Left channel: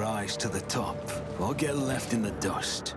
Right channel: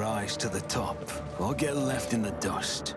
rise to the top, or get left in the dust.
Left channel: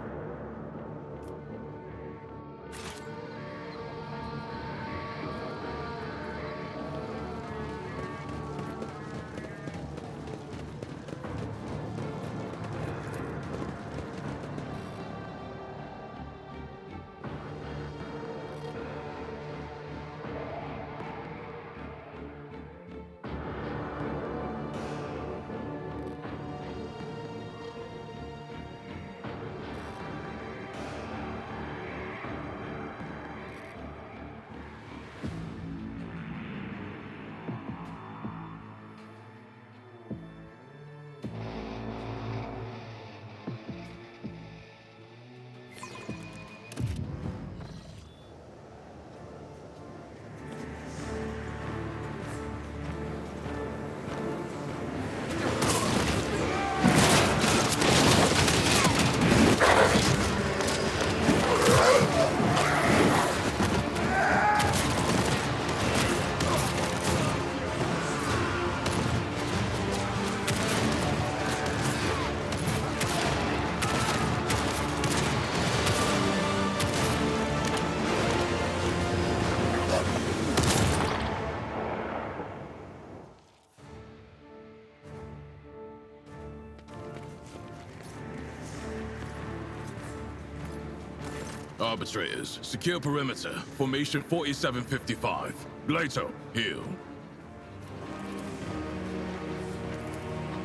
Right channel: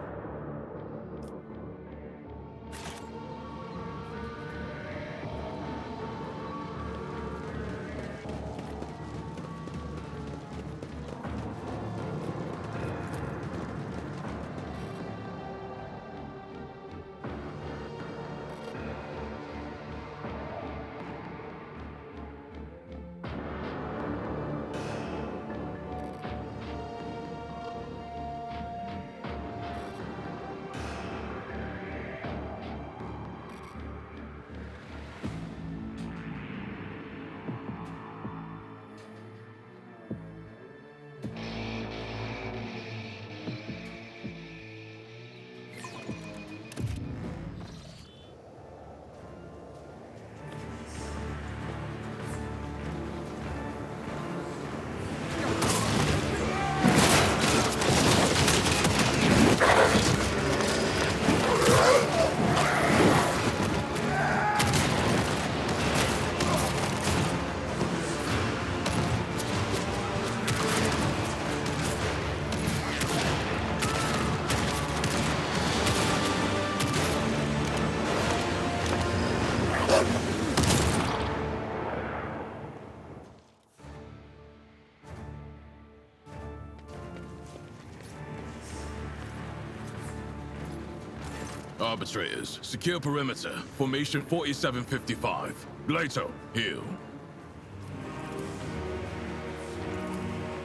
Arbitrators, secure perimeter. Formation 4755. Glato, heal.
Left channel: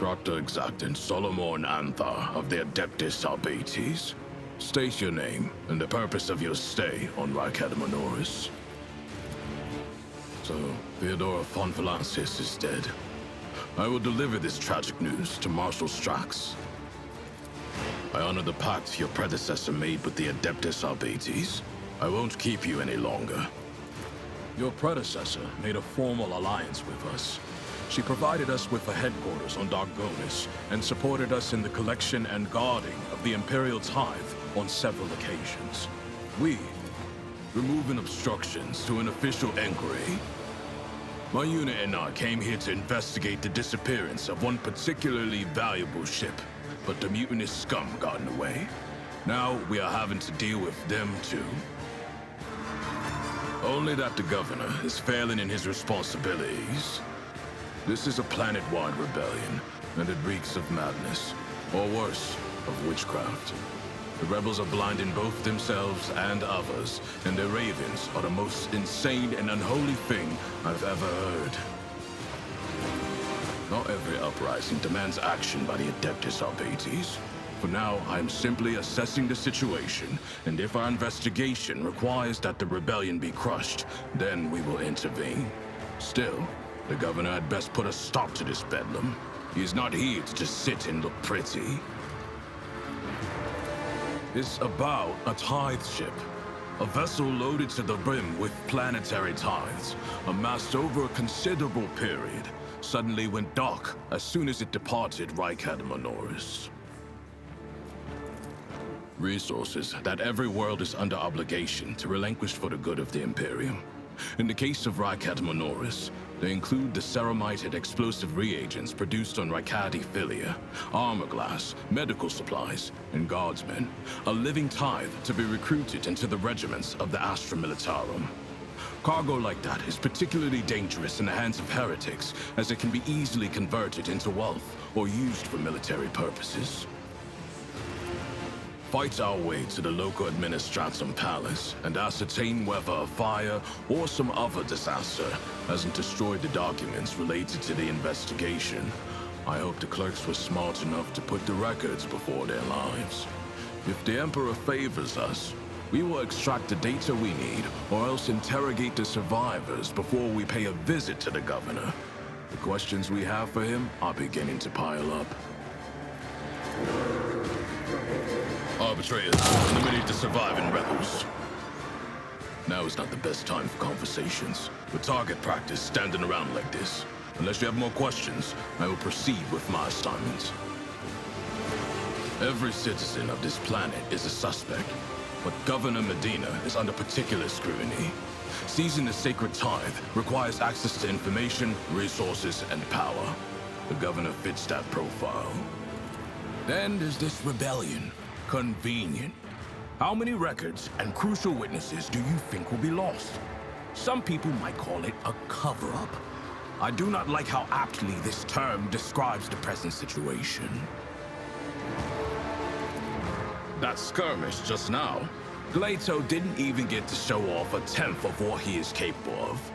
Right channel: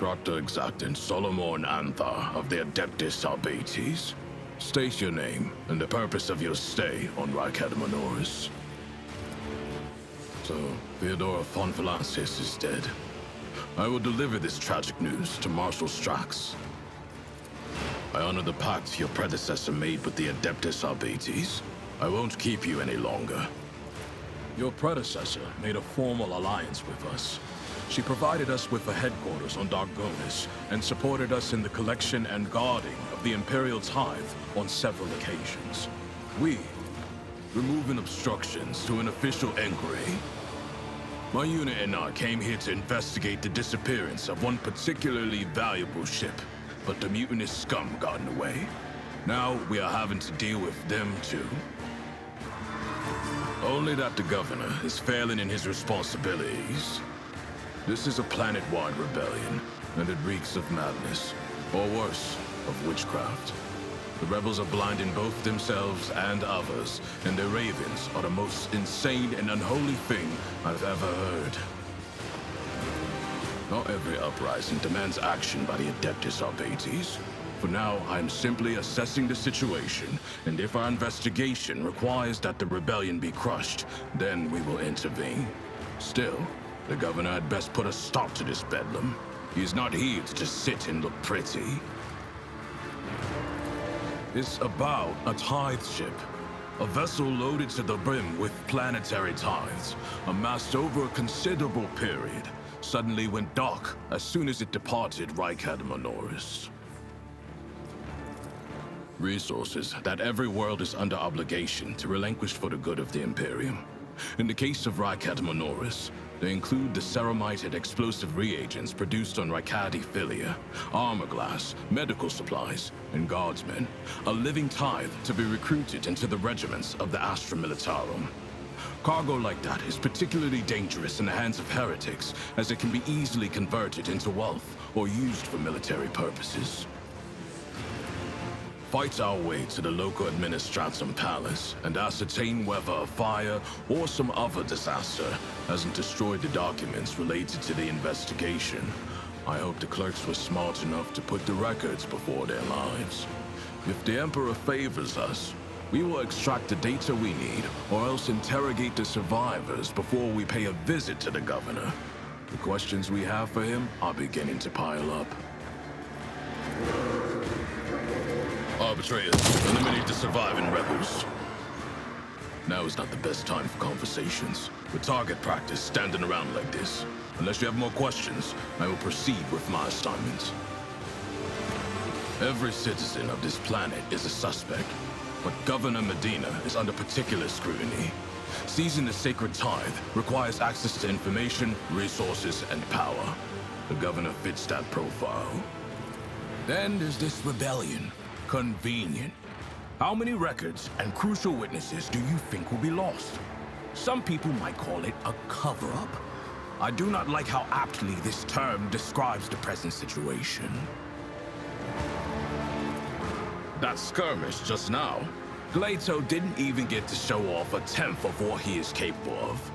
Dr. Exact Solomon Anthar of the Adeptus Arbates. State your name and the purpose of your stay on Rykard Minoris. So, Theodora von Valansis is dead. I will deliver this tragic news to Marshal Strax. I honor the pact your predecessor made with the Adeptus Arbates. I won't keep you any longer. Your predecessor made a formal alliance with us. She provided us with a headquarters on Dargonis and supported us in the collection and guarding of the Imperial Tithe on several occasions. We, removing obstructions to an official inquiry. My unit and I came here to investigate the disappearance of one particularly valuable ship, but the mutinous scum got in the way. Now we are having to deal with them too. Only that the governor is failing in his responsibilities. This is a planet-wide rebellion, and it reeks of madness, or worse, of witchcraft. The rebels are blinding both themselves and others, and their ravens are the most insane and unholy thing I've ever heard. Not every uprising demands action by the Adeptus Arbates. For now, I'm simply assessing the situation, and if our investigation requires that the rebellion be crushed, then we will intervene. Still, the governor had best put a stop to this bedlam. He is not here to just sit and look pretty. It's about a tithe ship. A vessel loaded to the brim with planetary tithes, amassed over a considerable period, suddenly went dark as soon as it departed Rykard Minoris. Resources that every world is under obligation to relinquish for the good of the Imperium. In the case of Rykard Minoris, they include the ceramited explosive reagents produced on Rykardi Philia, armor glass, medical supplies, and guardsmen, a living tithe to be recruited into the regiments of the Astra Militarum. Cargo like that is particularly dangerous in the hands of heretics, as it can be easily converted into wealth or used for military purposes. Fight our way to the local Administratum Palace and ascertain whether a fire or some other disaster hasn't destroyed the documents related to the investigation. I hope the clerks were smart enough to put the records before their lives. If the Emperor favors us, we will extract the data we need, or else interrogate the survivors before we pay a visit to the governor. The questions we have for him are beginning to pile up. Arbitrators, eliminate the surviving rebels. Now is not the best time for conversations. With target practice standing around like this. Unless you have more questions, I will proceed with my assignments. Every citizen of this planet is a suspect, but Governor Medina is under particular scrutiny. Seizing the sacred tithe requires access to information, resources, and power. The governor fits that profile. Then there's this rebellion. Convenient. How many records and crucial witnesses do you think will be lost? Some people might call it a cover-up. I do not like how aptly this term describes the present situation. That skirmish just now, Glato didn't even get to show off a tenth of what he is capable of.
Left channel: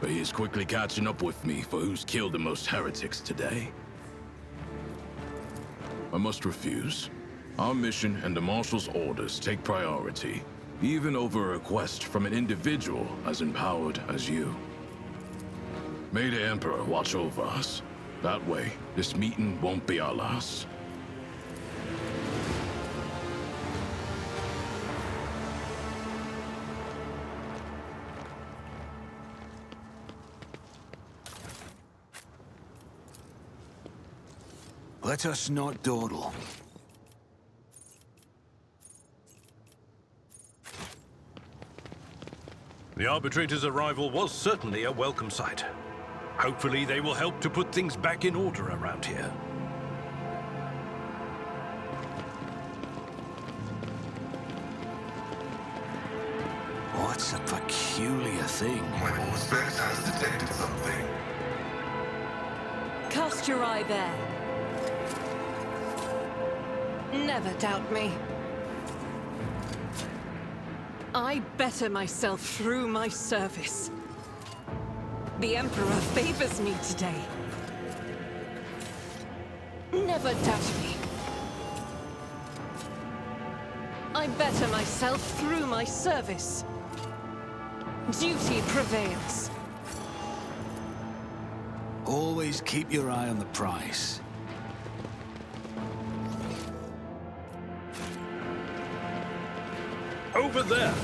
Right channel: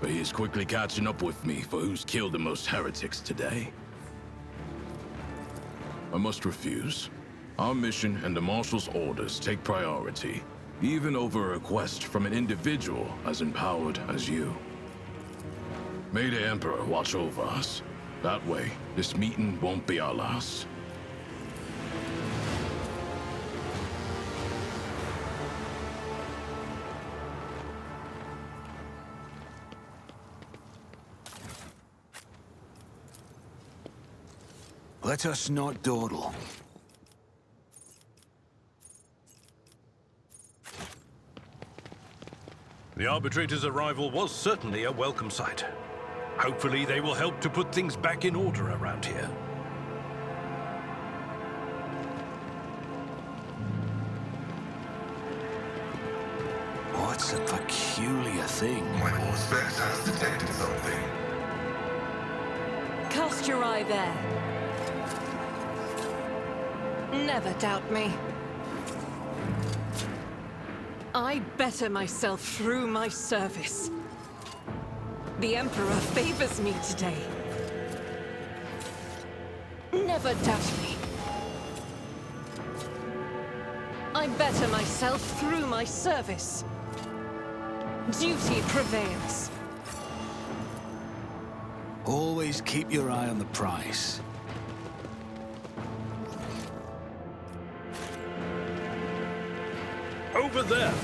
But he is quickly catching up with me for who's killed the most heretics today. I must refuse. Our mission and the Marshal's orders take priority, even over a request from an individual as empowered as you. May the Emperor watch over us. That way, this meeting won't be our last. Let us not dawdle. The Arbitrator's arrival was certainly a welcome sight. Hopefully they will help to put things back in order around here. What's a peculiar thing? My Auspex has detected something. Cast your eye there. Never doubt me. I better myself through my service. The Emperor favors me today. Never doubt me. I better myself through my service. Duty prevails. Always keep your eye on the prize. Over there!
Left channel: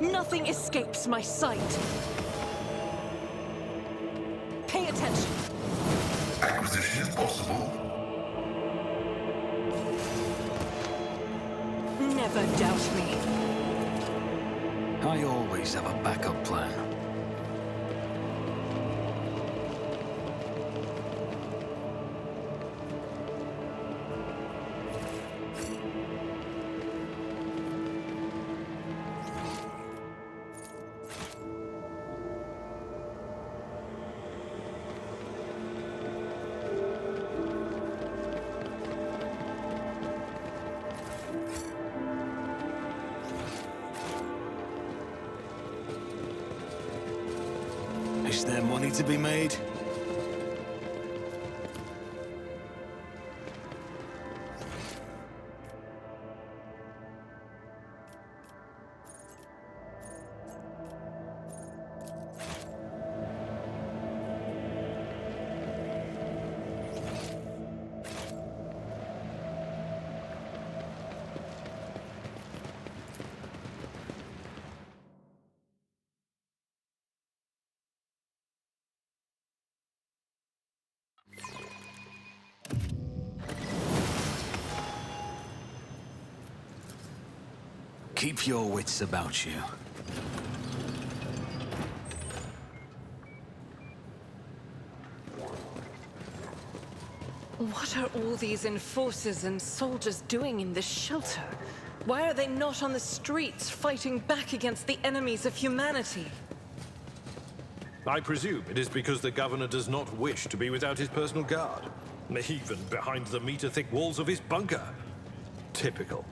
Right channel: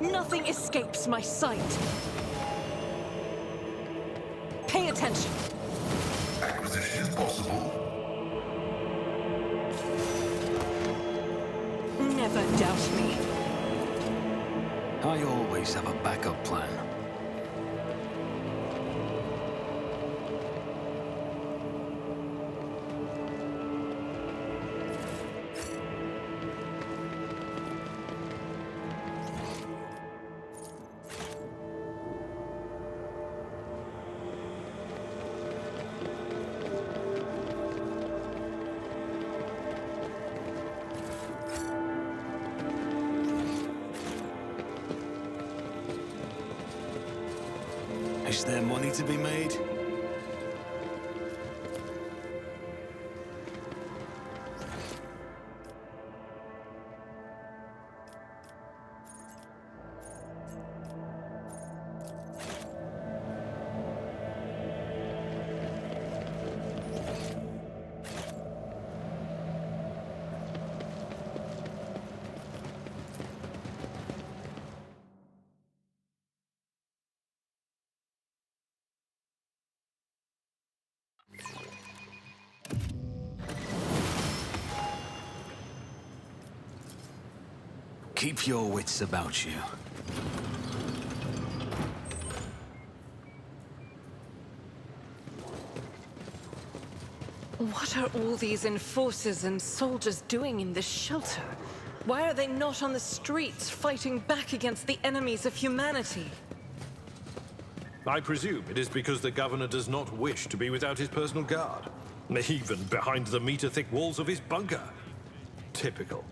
Nothing escapes my sight. Pay attention. Acquisition is possible. Never doubt me. I always have a backup plan. Is there money to be made? Keep your wits about you. What are all these enforcers and soldiers doing in this shelter? Why are they not on the streets fighting back against the enemies of humanity? I presume it is because the governor does not wish to be without his personal guard. Even behind the meter-thick walls of his bunker. Typical.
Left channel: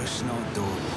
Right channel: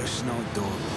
Personal duel.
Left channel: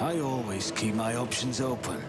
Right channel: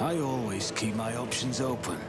I always keep my options open.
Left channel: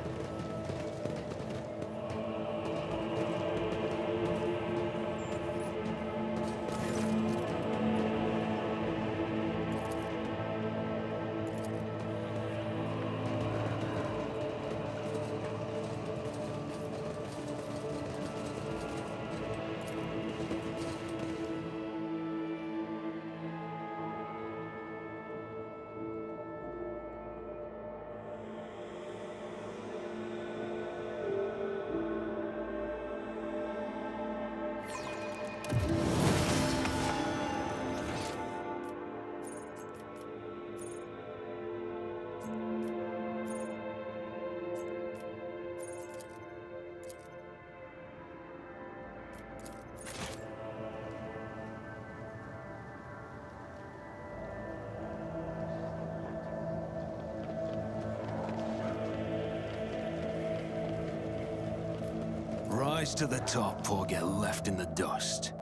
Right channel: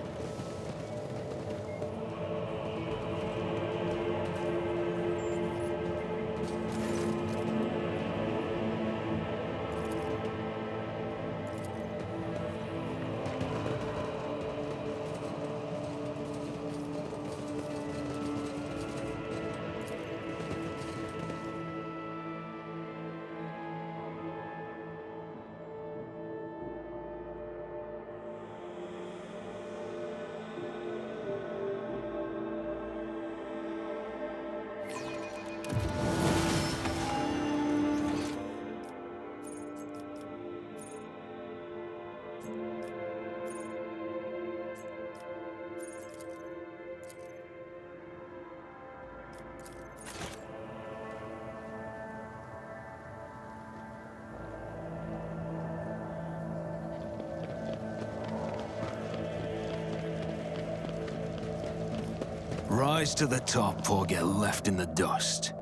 Rise to the top or get left in the dust.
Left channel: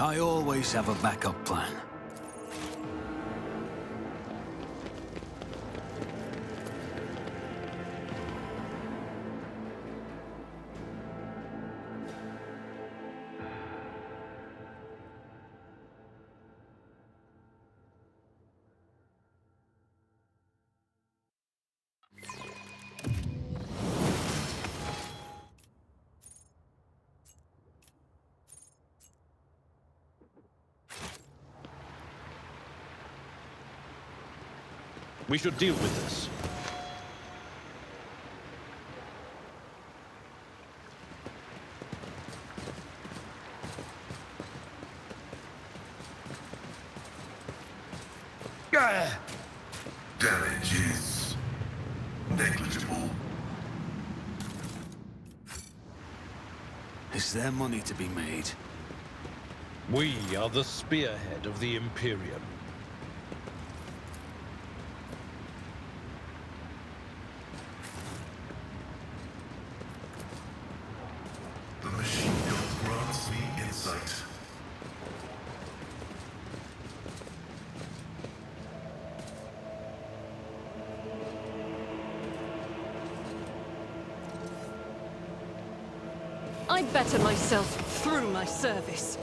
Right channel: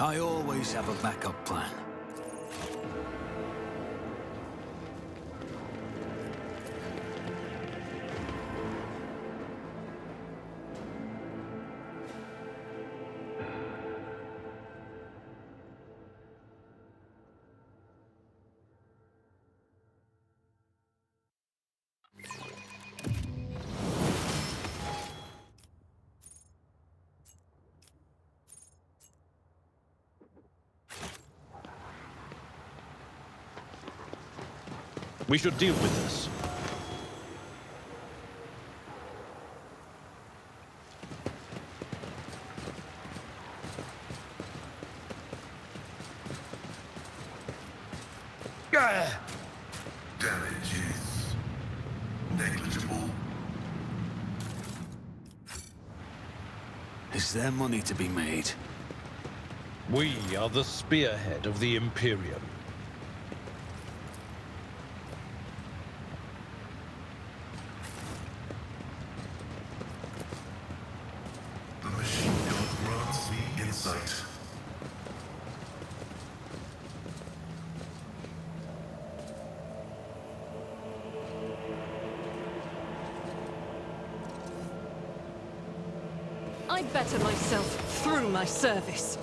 I always have a backup plan. We should deal with this. Damage is negligible. Is there money to be made? We are the spearhead of the Imperium. The machine gun grants me insight. I better myself through my service.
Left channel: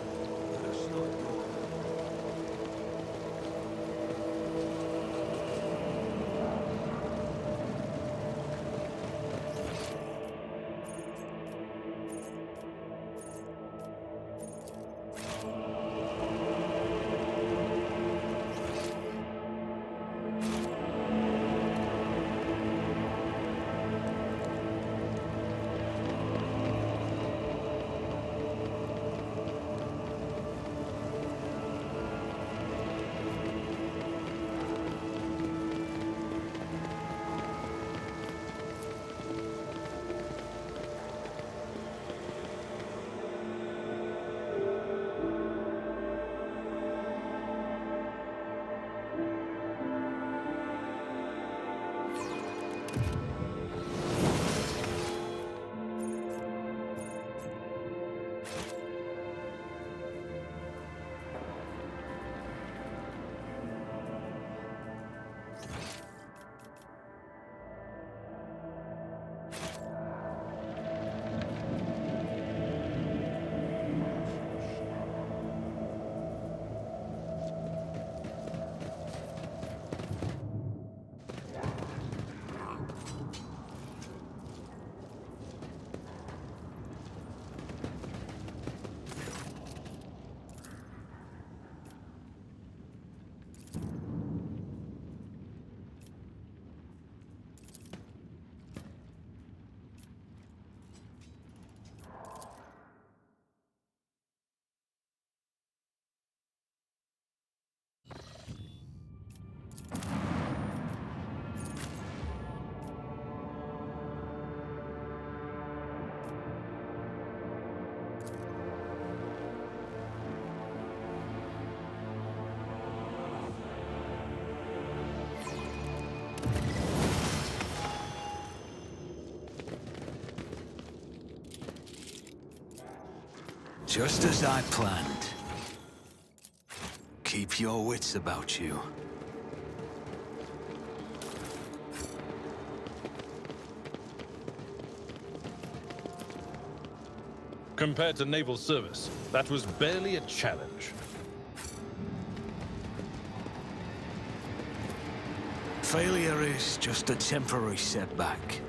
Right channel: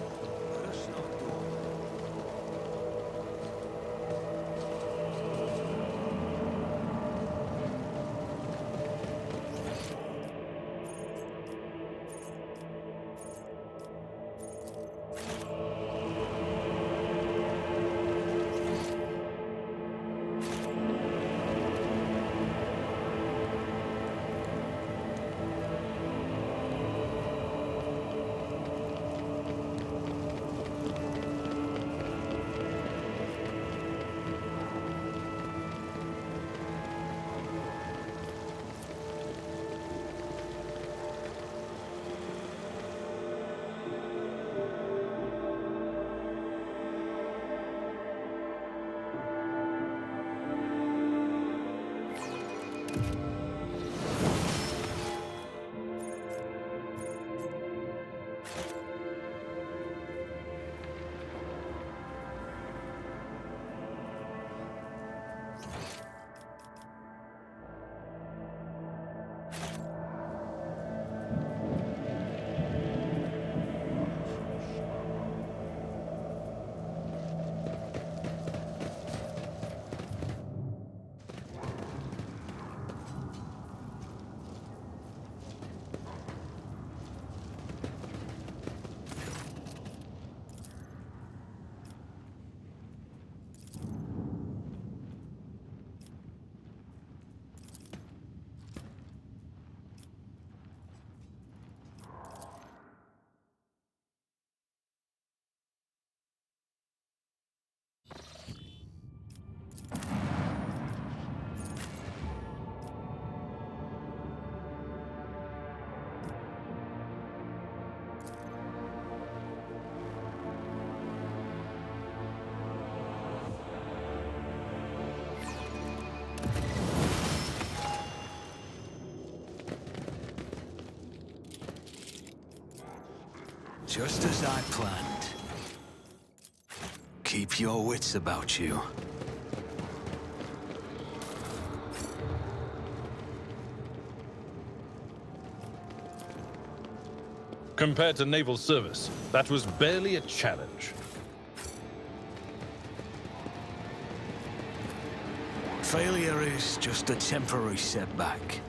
Just as I planned. Keep your wits about you. Compared to naval service, that was barely a challenge. Failure is just a temporary setback.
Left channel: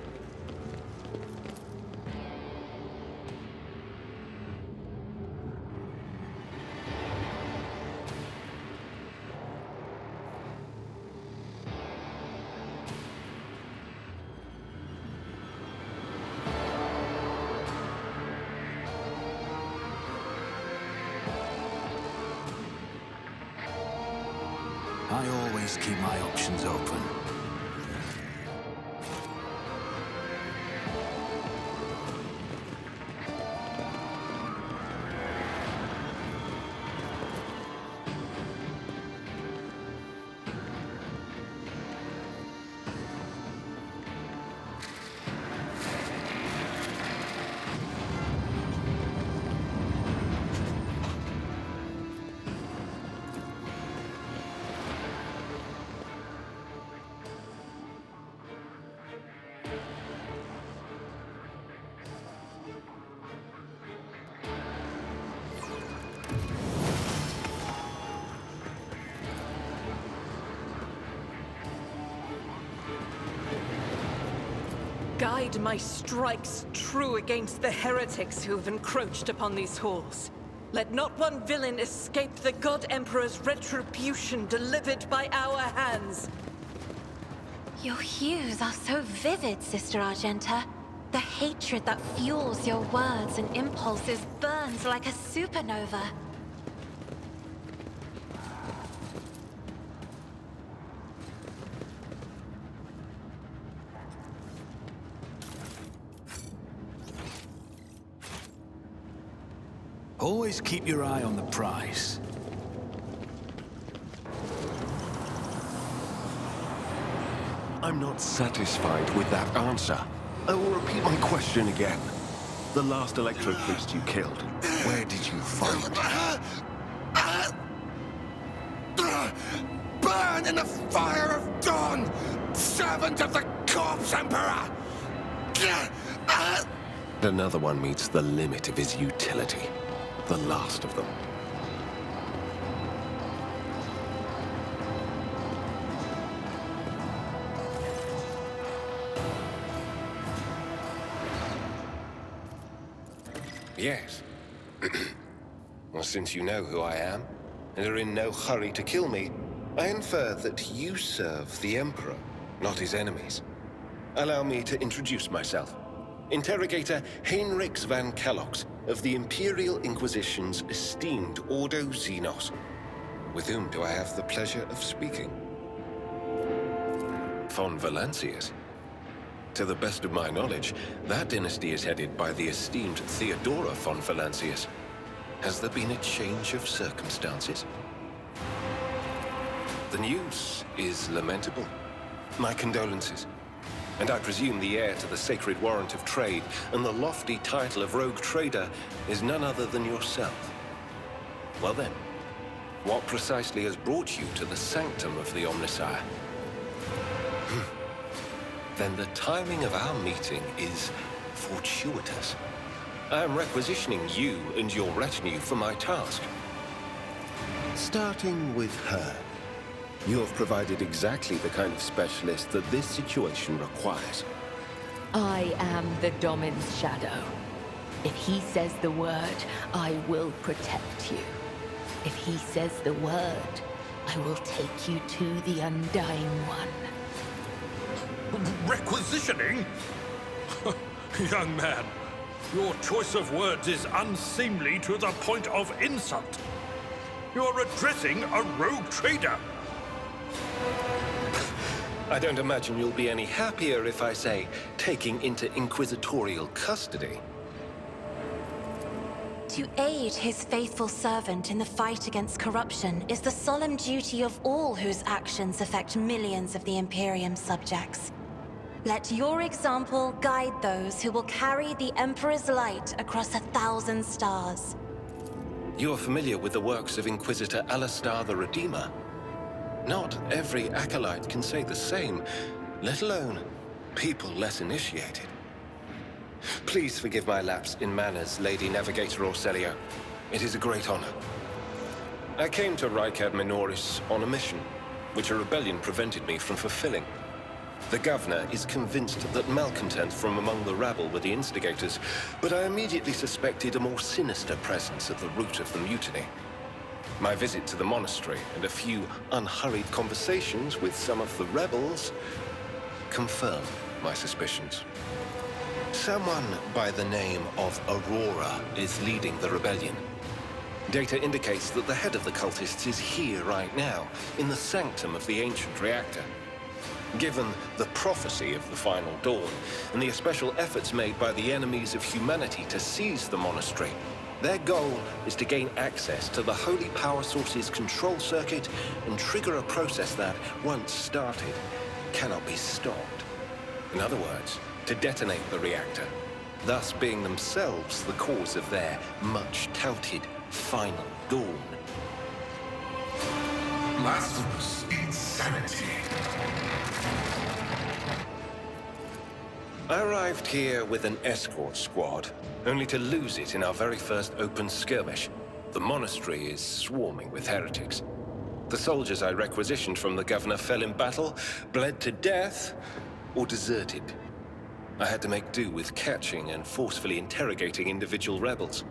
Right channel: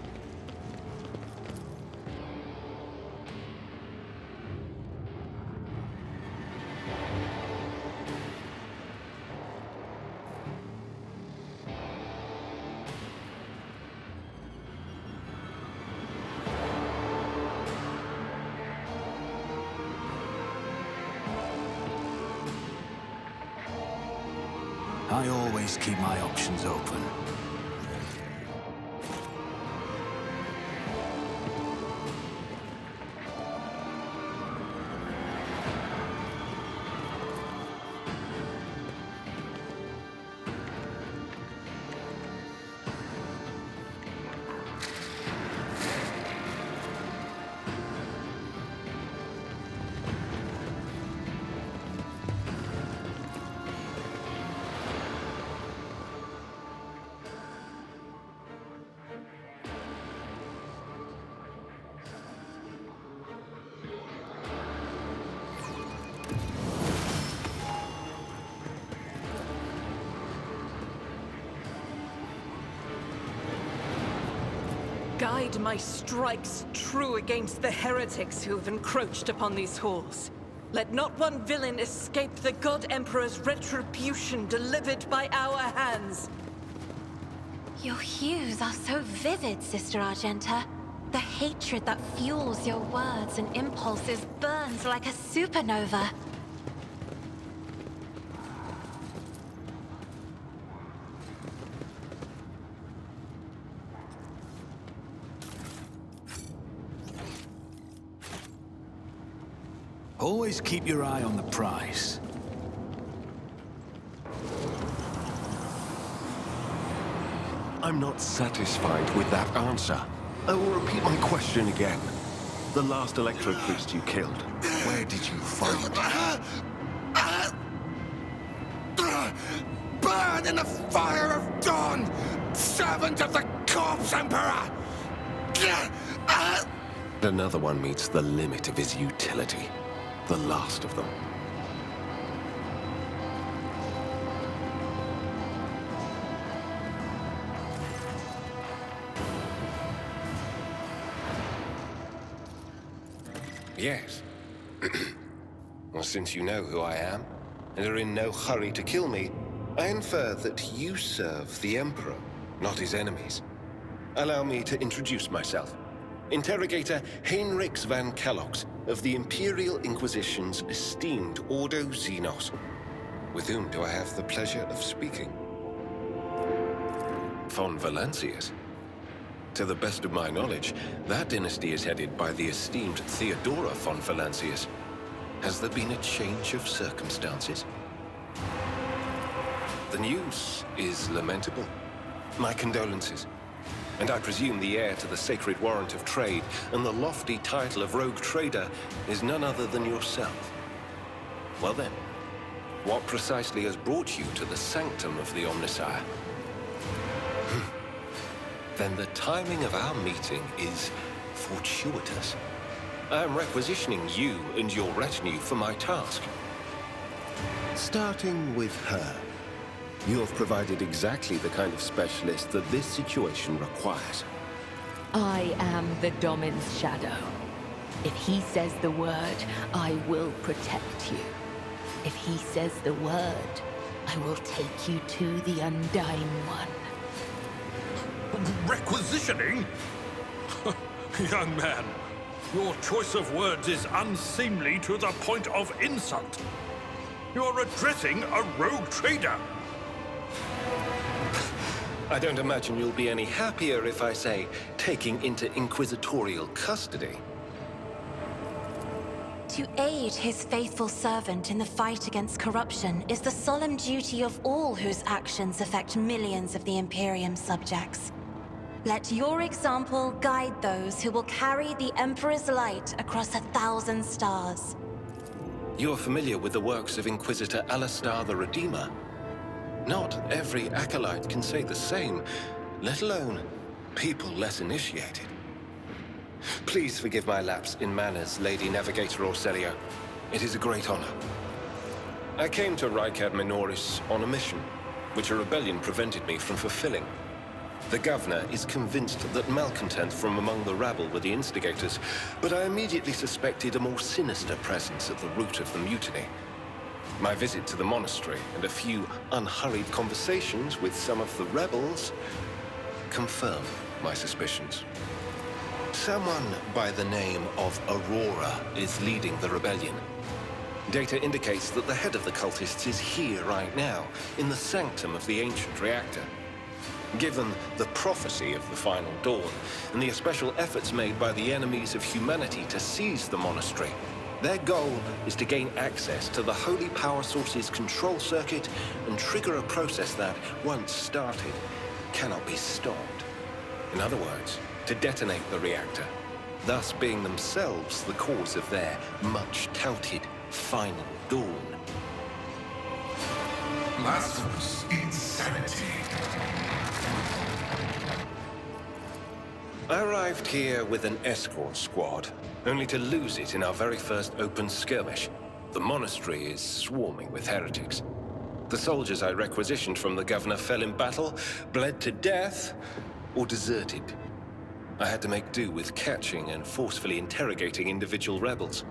I always keep my options open. guide my strikes true against the heretics who have encroached upon these halls. Let not one villain escape the God Emperor's retribution delivered by our hands. Your hues are so vivid, Sister Argenta. The hatred that fuels your words and impulses burns like a supernova. Always keep your eye on the prize. I'm not satisfied with that answer. I will repeat my question again. The last Electro Priest you killed, where did you find him? Burn in the fire of dawn, servant of the Corpse Emperor! Another one meets the limit of his utility. The last of them. Yes. Well, since you know who I am, and are in no hurry to kill me, I infer that you serve the Emperor, not his enemies. Allow me to introduce myself. Interrogator Heinrichs van Kellox of the Imperial Inquisition's esteemed Ordo Xenos. With whom do I have the pleasure of speaking? Von Valancius. To the best of my knowledge, that dynasty is headed by the esteemed Theodora von Valancius. Has there been a change of circumstances? The news is lamentable. My condolences. And I presume the heir to the sacred warrant of trade and the lofty title of rogue trader is none other than yourself. Well then, what precisely has brought you to the sanctum of the Omnissiah? Then the timing of our meeting is fortuitous. I am requisitioning you and your retinue for my task. Starting with her. You have provided exactly the kind of specialist that this situation requires. I am the Domin's shadow. If he says the word, I will protect you. If he says the word, I will take you to the Undying One. Requisitioning? Young man, your choice of words is unseemly to the point of insult. You're addressing a rogue trader. I don't imagine you'll be any happier if I say taking into inquisitorial custody. To aid his faithful servant in the fight against corruption is the solemn duty of all whose actions affect millions of the Imperium's subjects. Let your example guide those who will carry the Emperor's light across 1,000 stars. You are familiar with the works of Inquisitor Alistar the Redeemer. Not every acolyte can say the same, let alone people less initiated. Please forgive my lapse in manners, Lady Navigator Orselio. It is a great honor. I came to Rykard Minoris on a mission, which a rebellion prevented me from fulfilling. The governor is convinced that malcontents from among the rabble were the instigators, but I immediately suspected a more sinister presence at the root of the mutiny. My visit to the monastery and a few unhurried conversations with some of the rebels confirm my suspicions. Someone by the name of Aurora is leading the rebellion. Data indicates that the head of the cultists is here right now, in the sanctum of the ancient reactor. Given the prophecy of the Final Dawn and the especial efforts made by the enemies of humanity to seize the monastery, their goal is to gain access to the holy power source's control circuit and trigger a process that, once started, cannot be stopped. In other words, to detonate the reactor, thus being themselves the cause of their much-touted Final Dawn. Blasphemous insanity. I arrived here with an escort squad, only to lose it in our very first open skirmish. The monastery is swarming with heretics. The soldiers I requisitioned from the governor fell in battle, bled to death, or deserted. I had to make do with catching and forcefully interrogating individual rebels.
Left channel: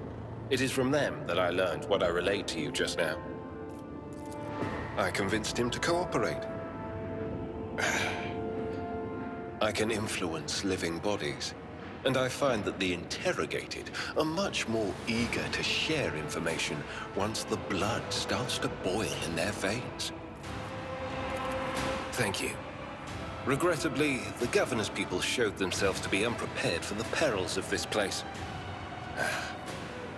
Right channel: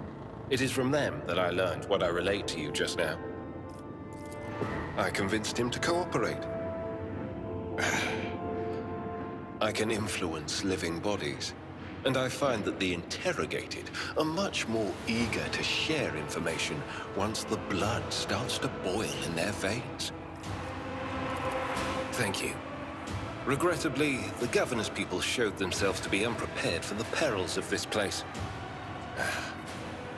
It is from them that I learned what I relayed to you just now. I convinced him to cooperate. I can influence living bodies, and I find that the interrogated are much more eager to share information once the blood starts to boil in their veins. Thank you. Regrettably, the governor's people showed themselves to be unprepared for the perils of this place.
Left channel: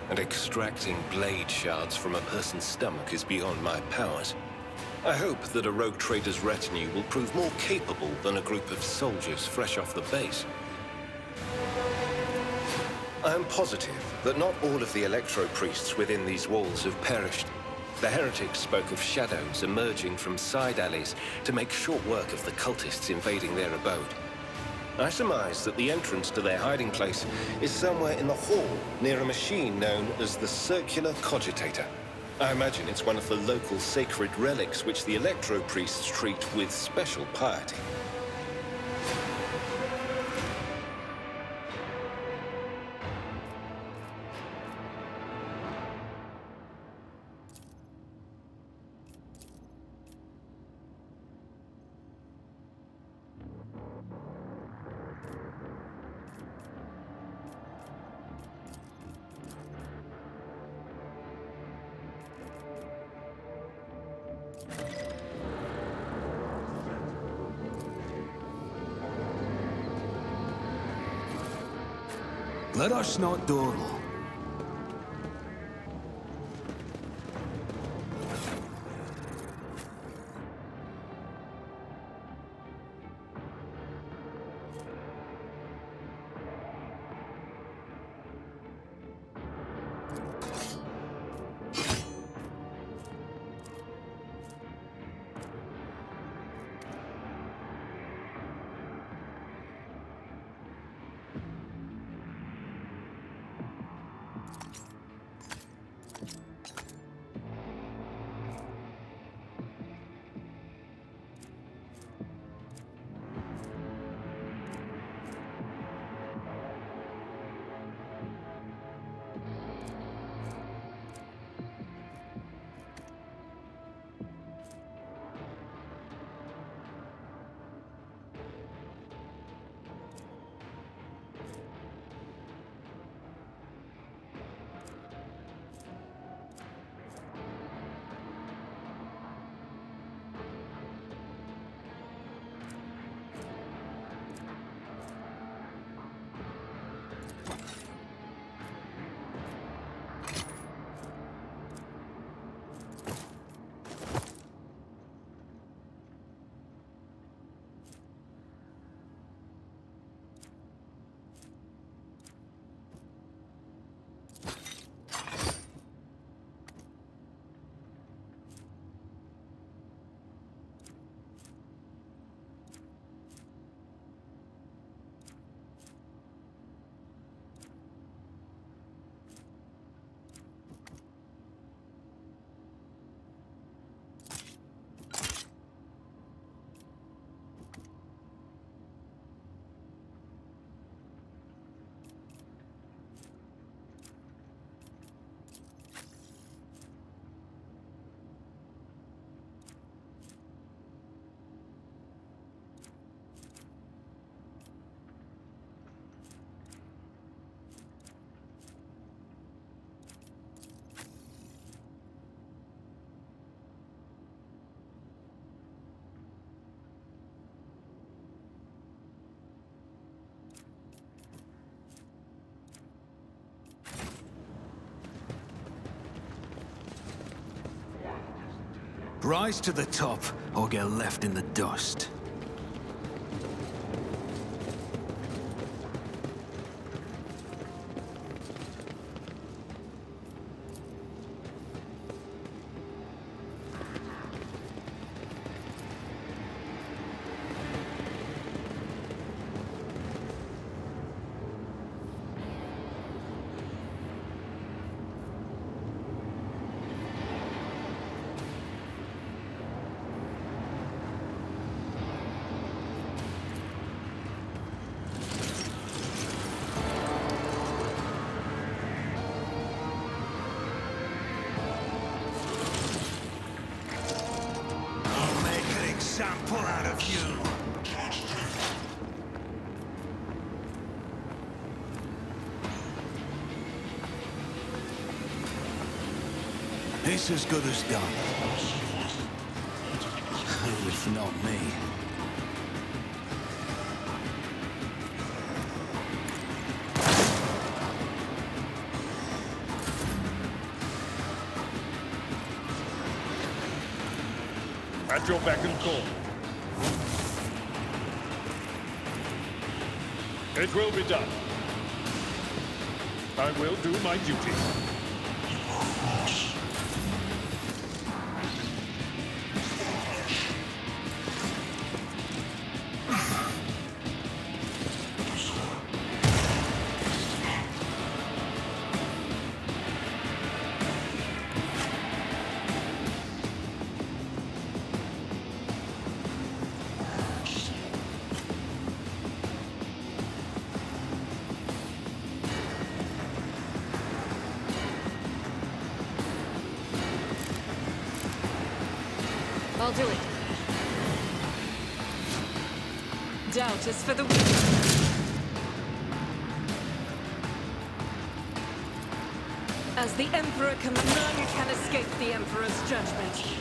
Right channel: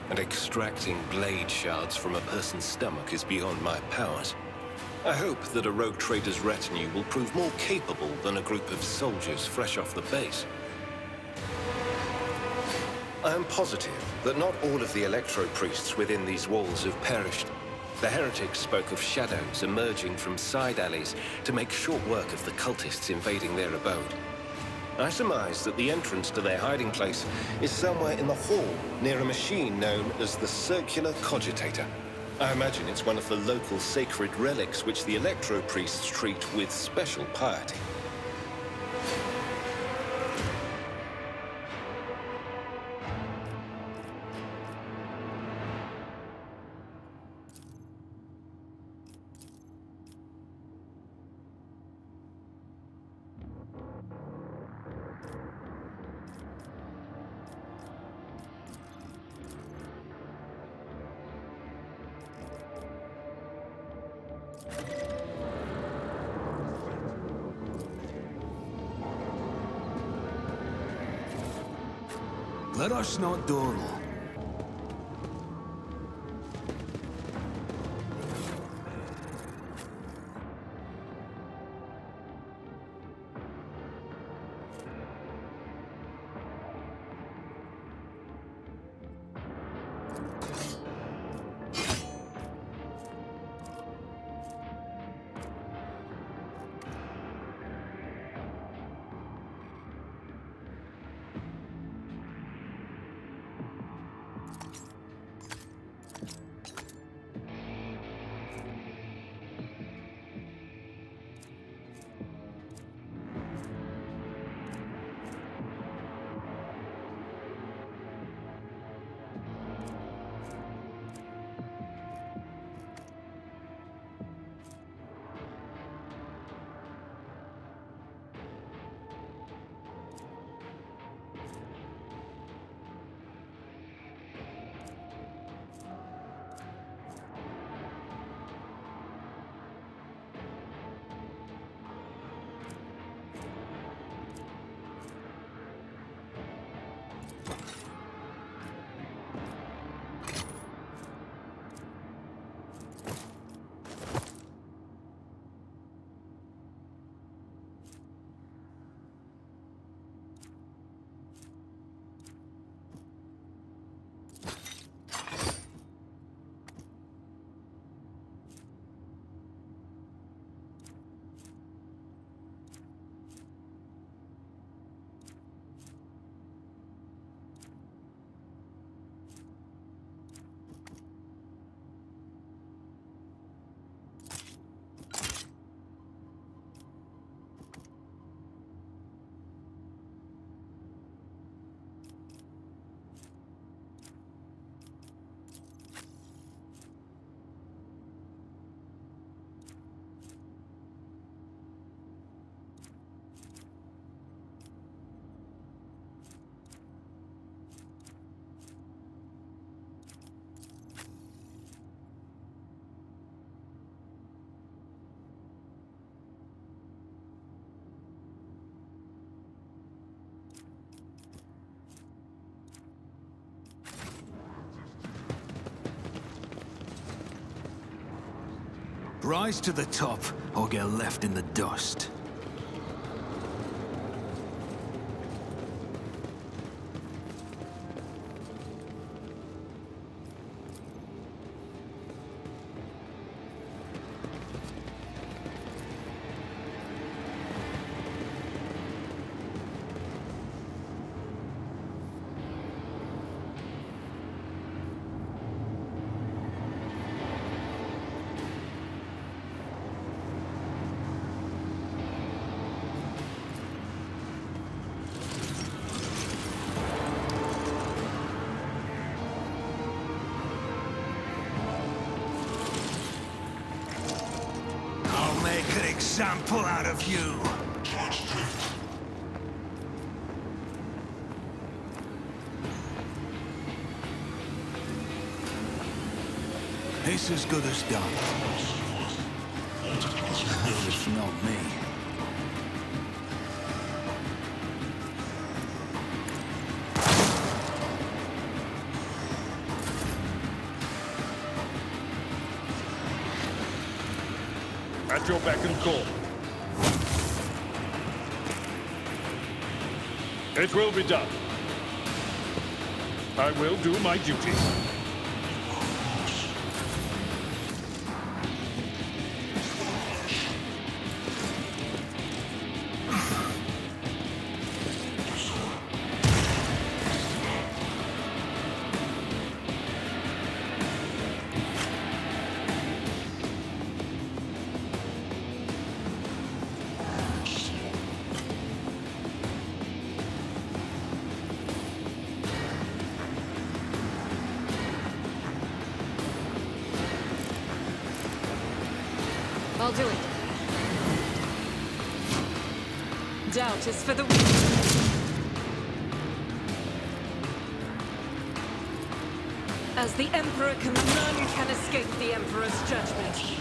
And extracting blade shards from a person's stomach is beyond my powers. I hope that a rogue trader's retinue will prove more capable than a group of soldiers fresh off the base. I am positive that not all of the electro-priests within these walls have perished. The heretics spoke of shadows emerging from side alleys to make short work of the cultists invading their abode. I surmise that the entrance to their hiding place is somewhere in the hall near a machine known as the Circular Cogitator. I imagine it's one of the local sacred relics which the electro-priests treat with special piety. Let us not dawdle. Rise to the top, or get left in the dust. example out of you. It's as good as done. If not me. At your beck and call. It will be done. I will do my duty. I'll do it. Doubt is for the weak. As the Emperor none can escape the Emperor's judgment.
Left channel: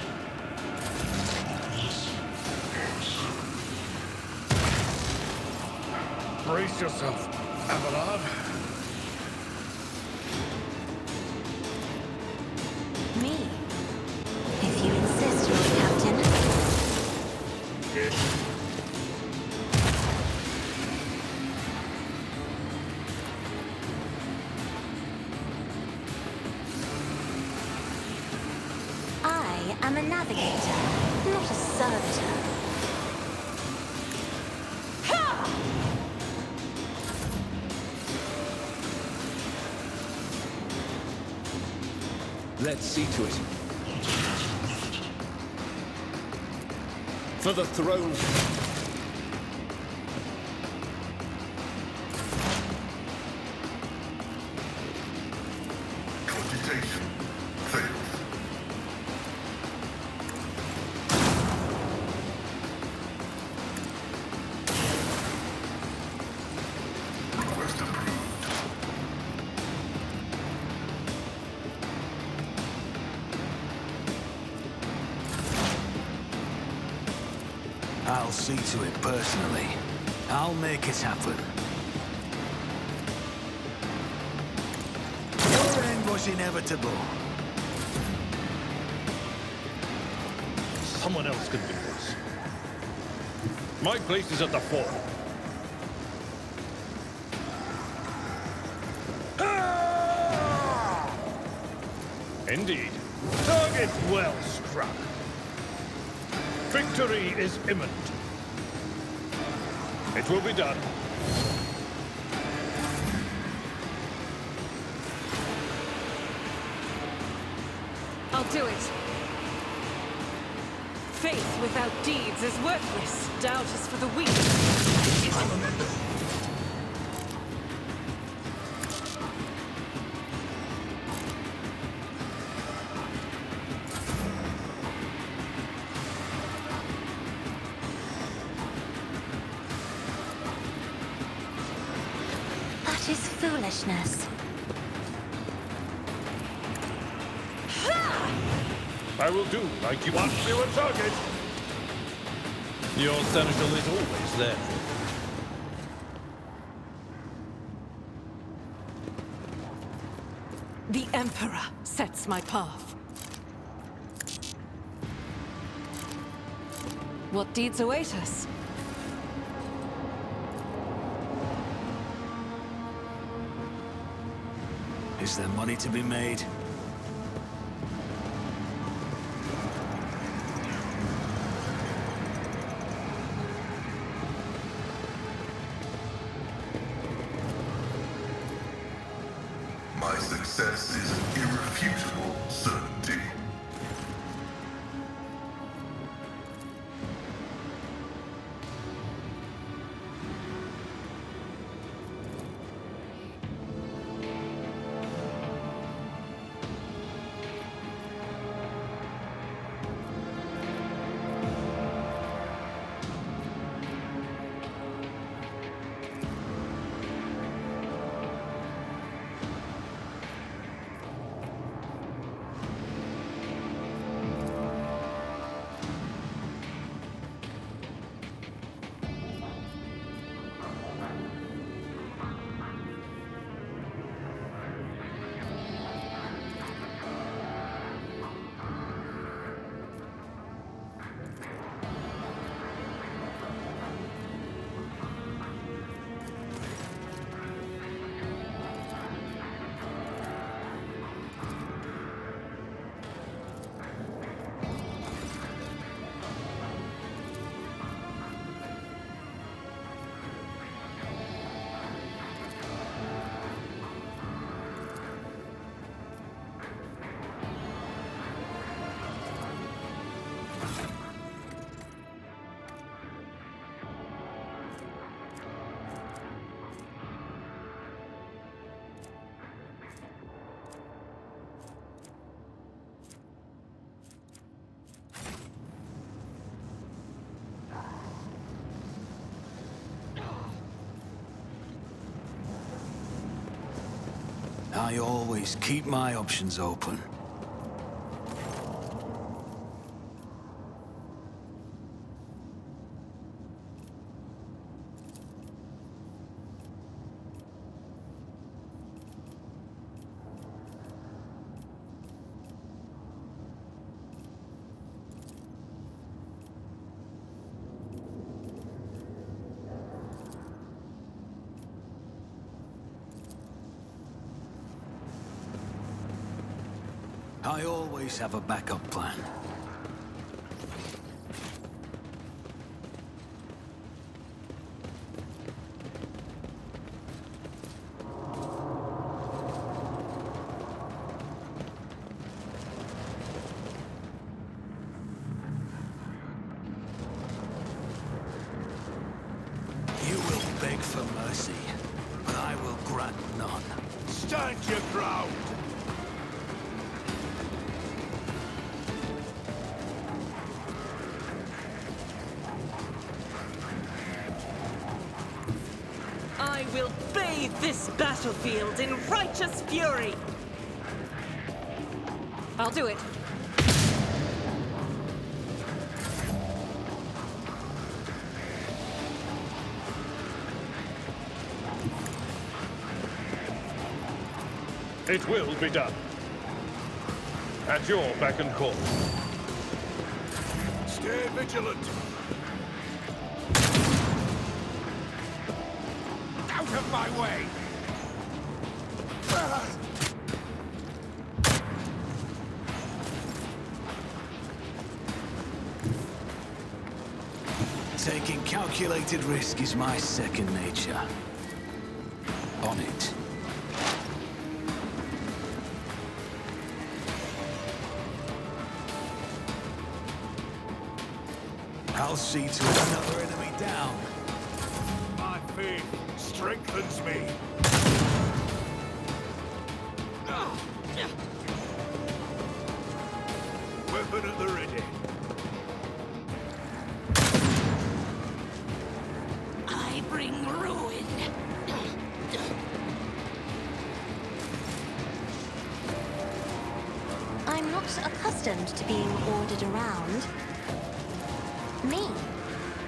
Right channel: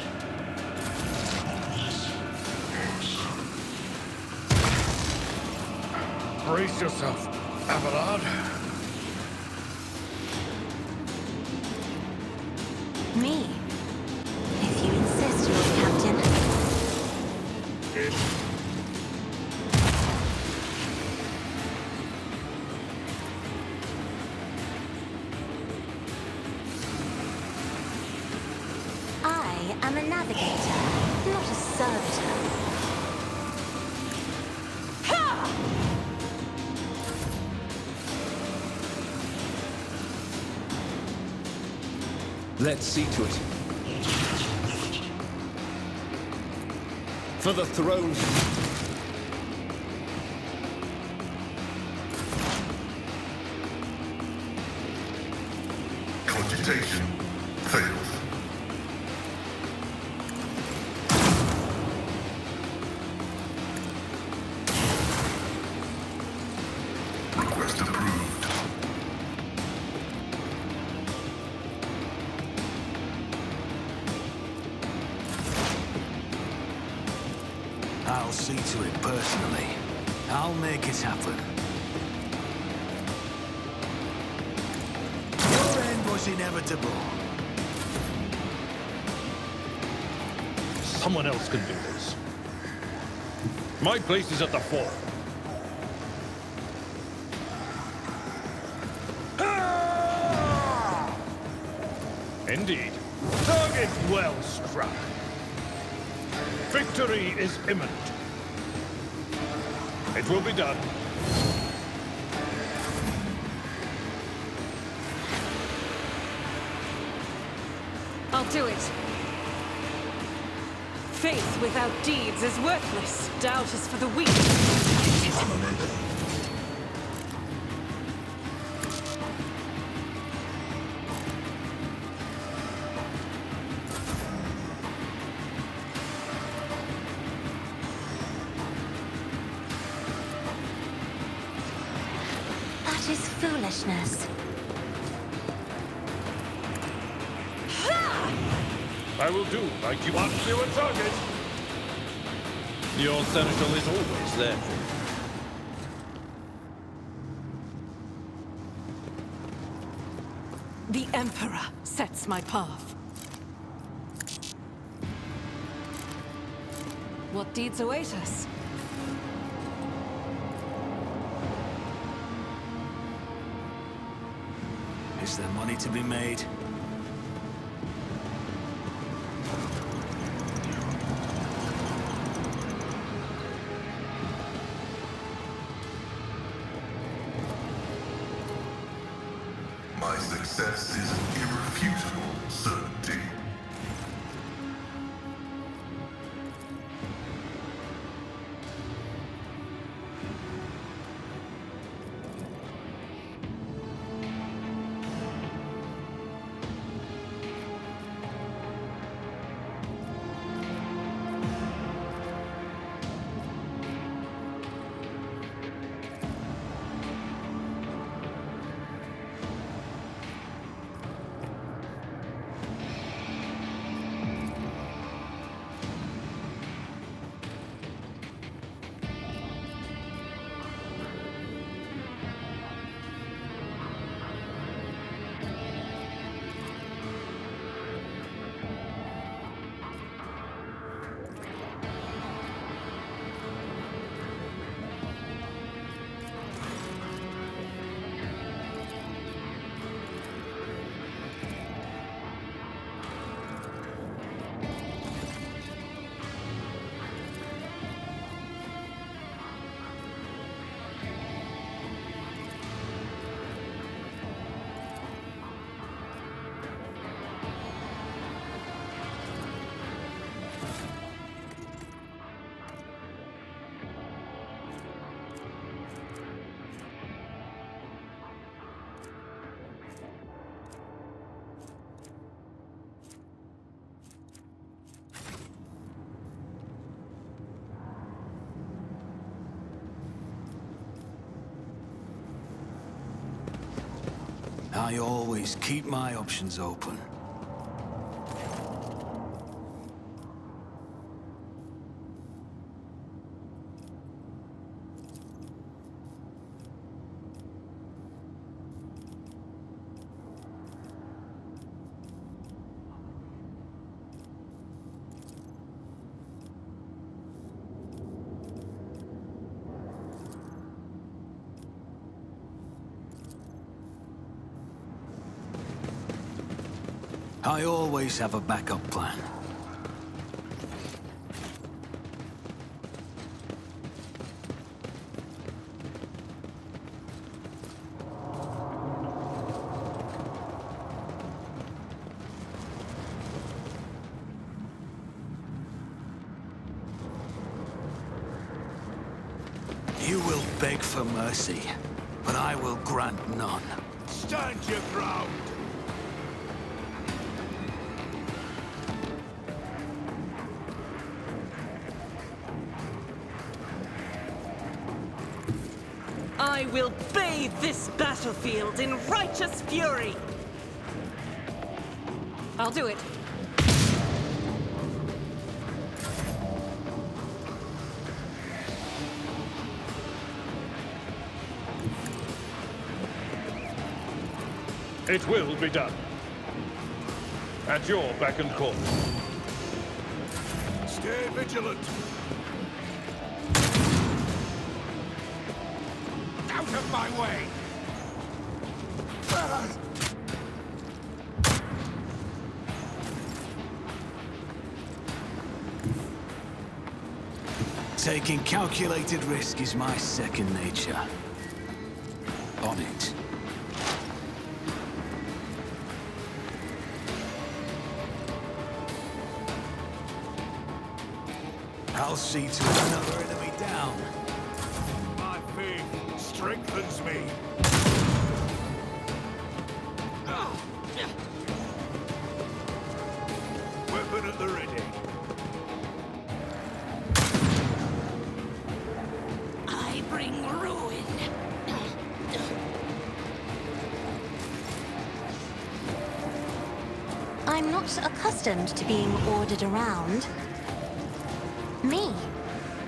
Brace yourself, Abelard. Me? If you insist, Lord Captain. I am a navigator, not a servitor. Let's see to it. For the throne. Cogitation fails. Request approved. I'll see to it personally. I'll make it happen. Your end was inevitable. Someone else can do this. My place is at the fore. Indeed. Target well struck. Victory is imminent. It will be done. I'll do it. Faith without deeds is worthless. Doubt is for the weak. That is foolishness. I will do like you want to a target. Your seneschal is always there for you. The Emperor sets my path. What deeds await us? Is there money to be made? My success is an irrefutable certainty. I always keep my options open. I always have a backup plan. You will beg for mercy, but I will grant none. Stand your ground! I will bathe this battlefield in righteous fury! I'll do it. It will be done. At your beck and call. Stay vigilant! Out of my way! Taking calculated risk is my second nature. On it. I'll see to another enemy down. My faith strengthens me. Weapon at the ready. I bring ruin. I'm not accustomed to being ordered around. Me?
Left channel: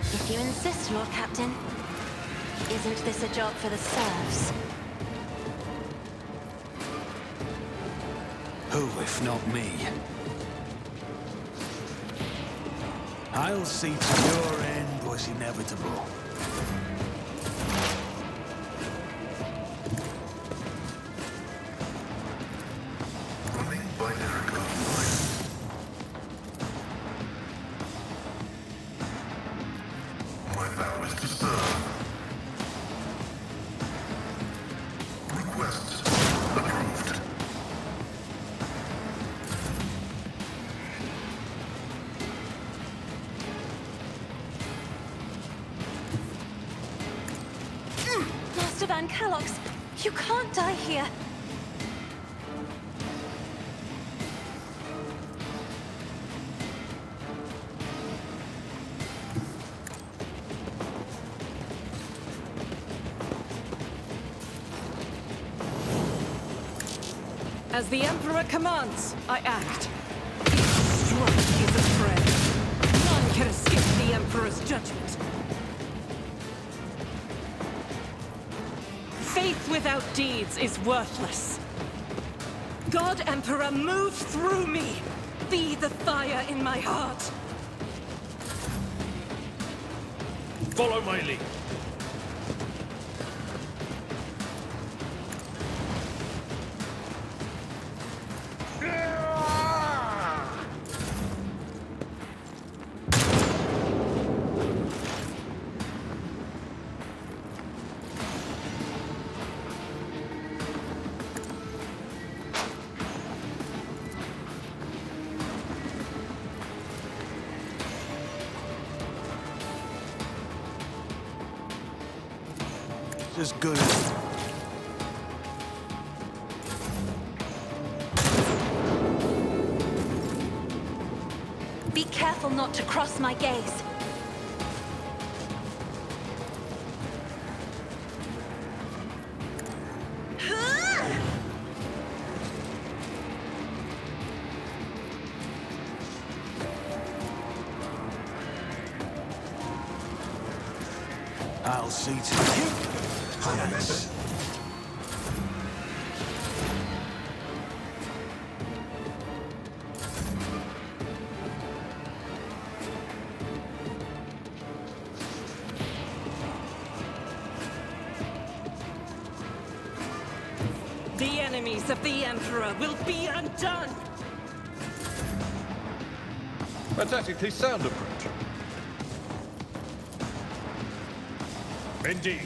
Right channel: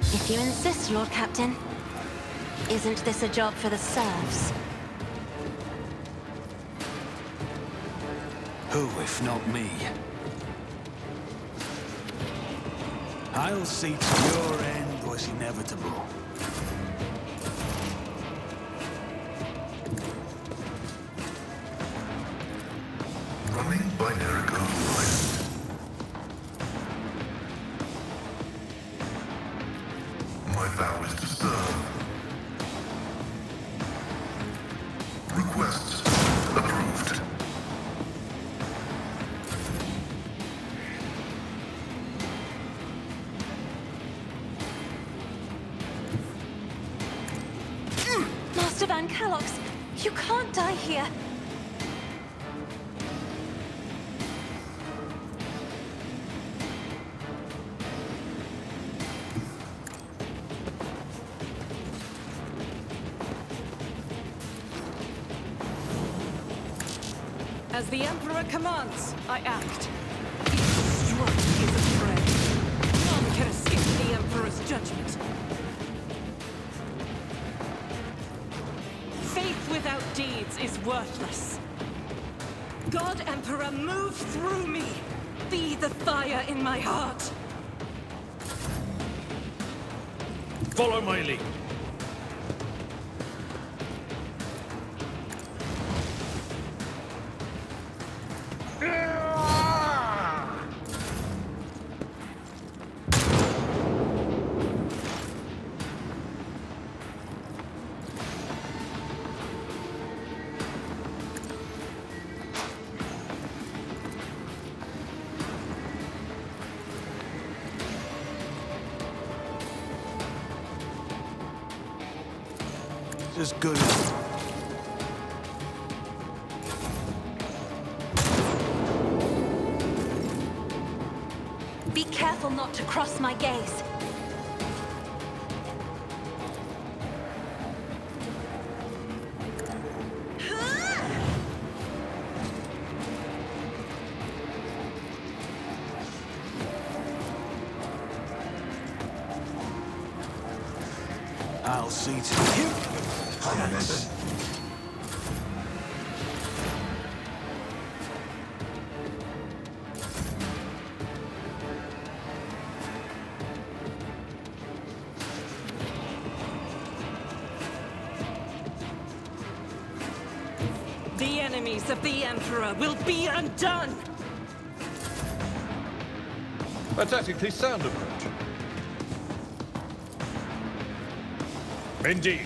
If you insist, Lord Captain. Isn't this a job for the serfs? Who, if not me? I'll see to your end was inevitable. Running by Rykard line. My vow is to serve. Request approved. Master Van Calox, you can't die here. As the Emperor commands, I act. Each stroke is a prayer. None can escape the Emperor's judgment. Faith without deeds is worthless. God Emperor, move through me! Be the fire in my heart! Follow my lead. As good as... Be careful not to cross my gaze. I'll see to you. Yes. The enemies of the Emperor will be undone! A tactically sound approach. Indeed.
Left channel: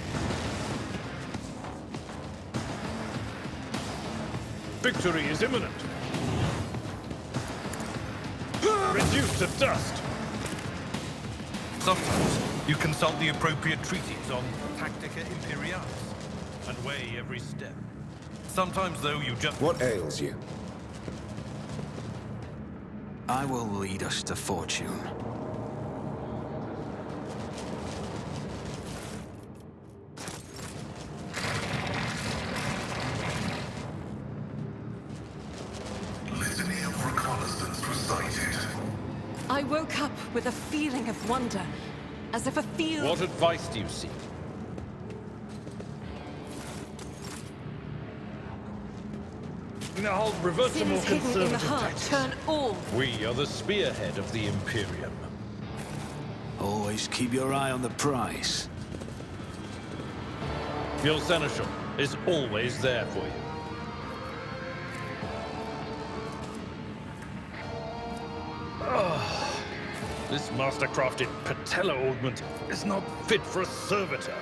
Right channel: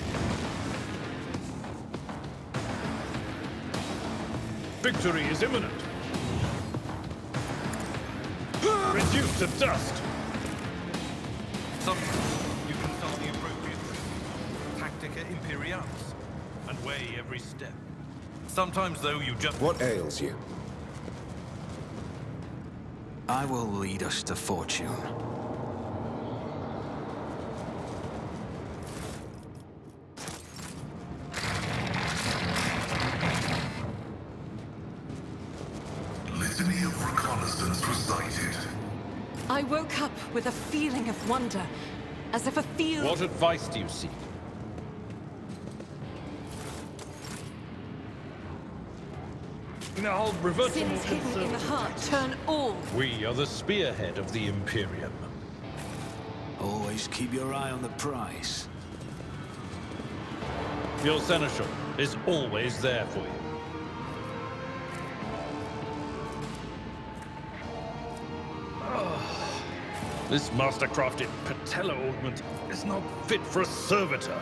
Victory is imminent. Reduced to dust. Sometimes you consult the appropriate treaties on Tactica Imperialis and weigh every step. Sometimes, though, you just... What ails you? I will lead us to fortune. Litany of reconnaissance recited. I woke up with a feeling of wonder, as if a field... What advice do you seek? Now I'll revert to more Sins hidden in the conservative heart tactics. turn all. We are the spearhead of the Imperium. Always keep your eye on the prize. Your seneschal is always there for you. This master-crafted patella augment is not fit for a servitor.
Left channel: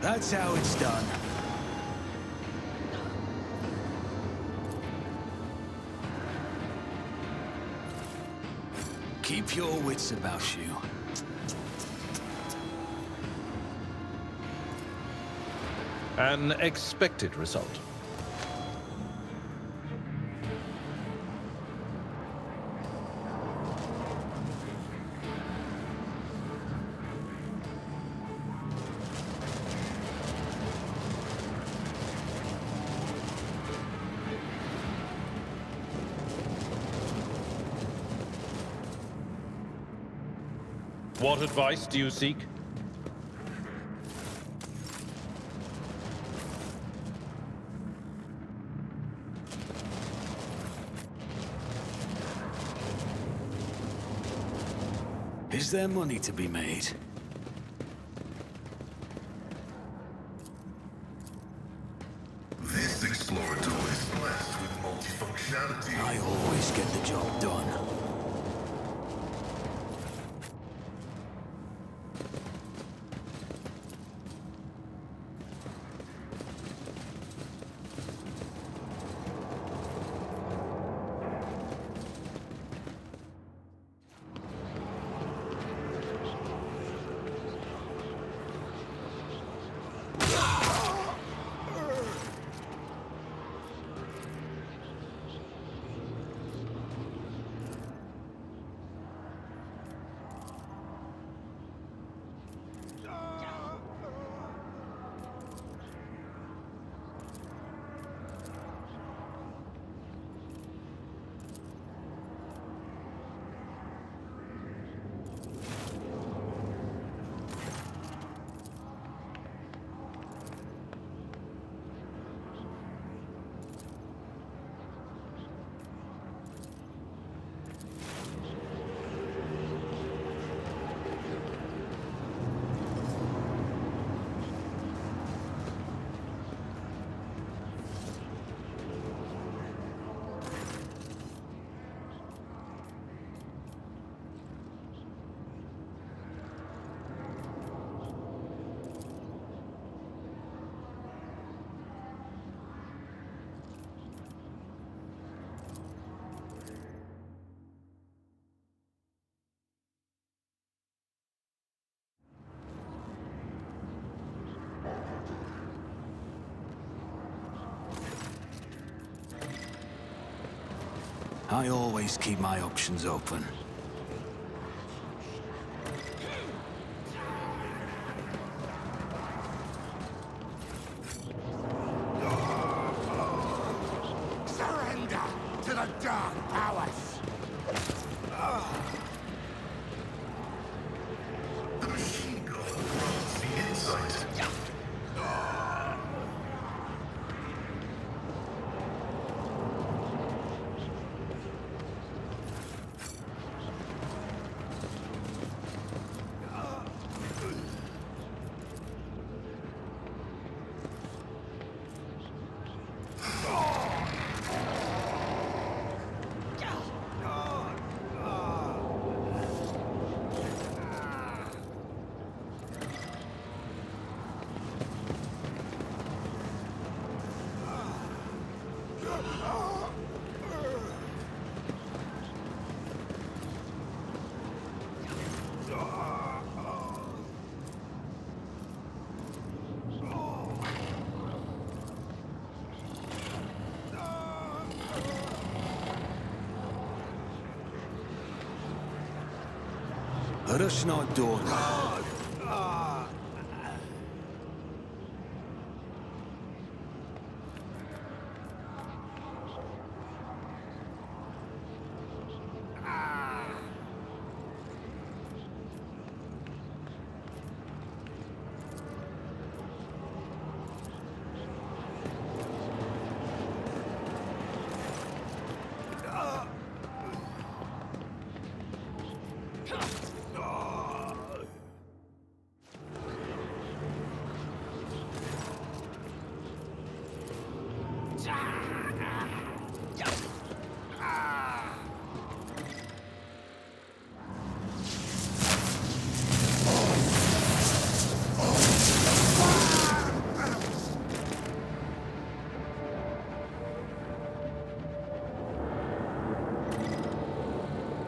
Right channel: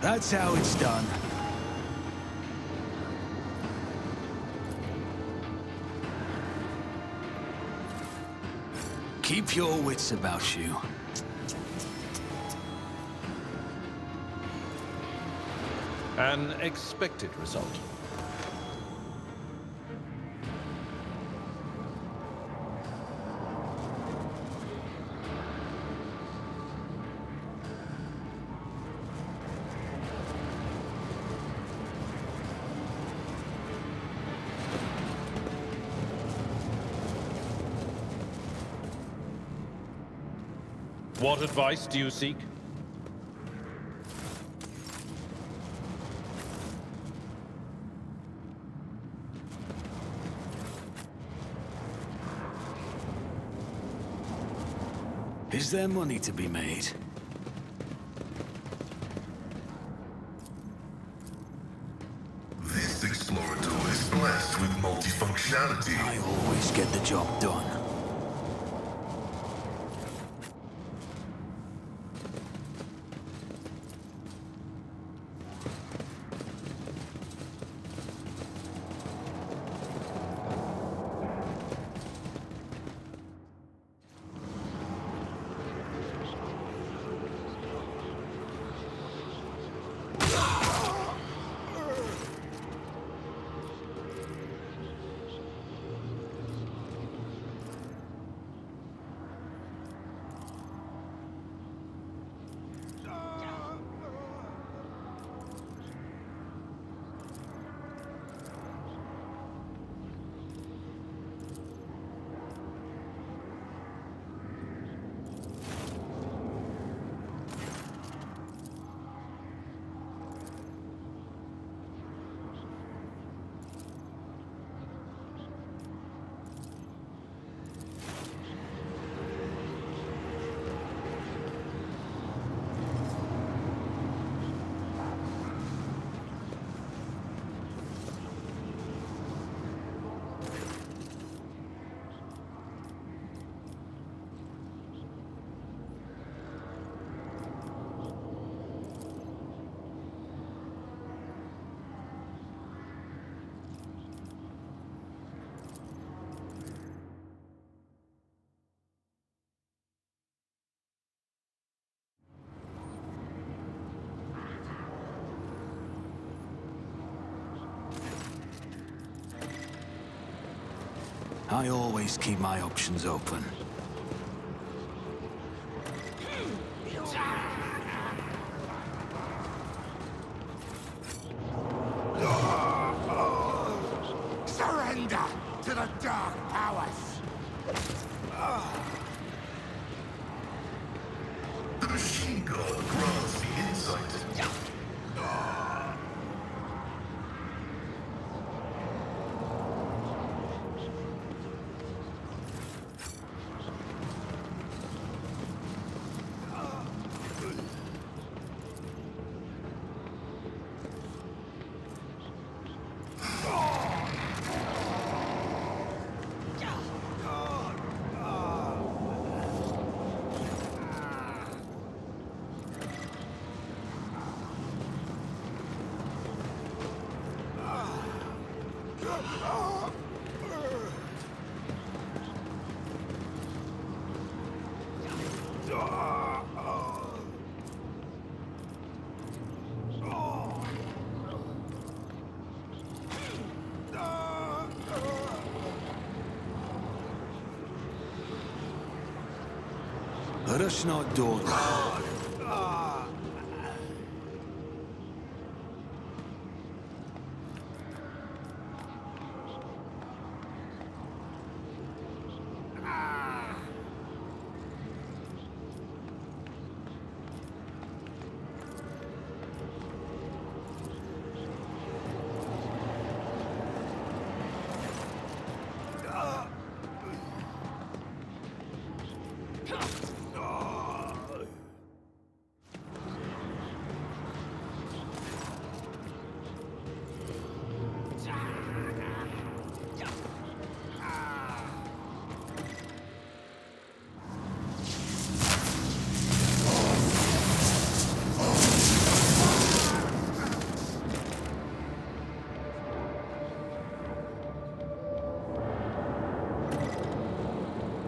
That's how it's done. Keep your wits about you. An expected result. What advice do you seek? Is there money to be made? This explorator is blessed with multifunctionality. I always get the job done. I always keep my options open. Surrender! to the dark powers! The machine god grants the insight. Rush not door.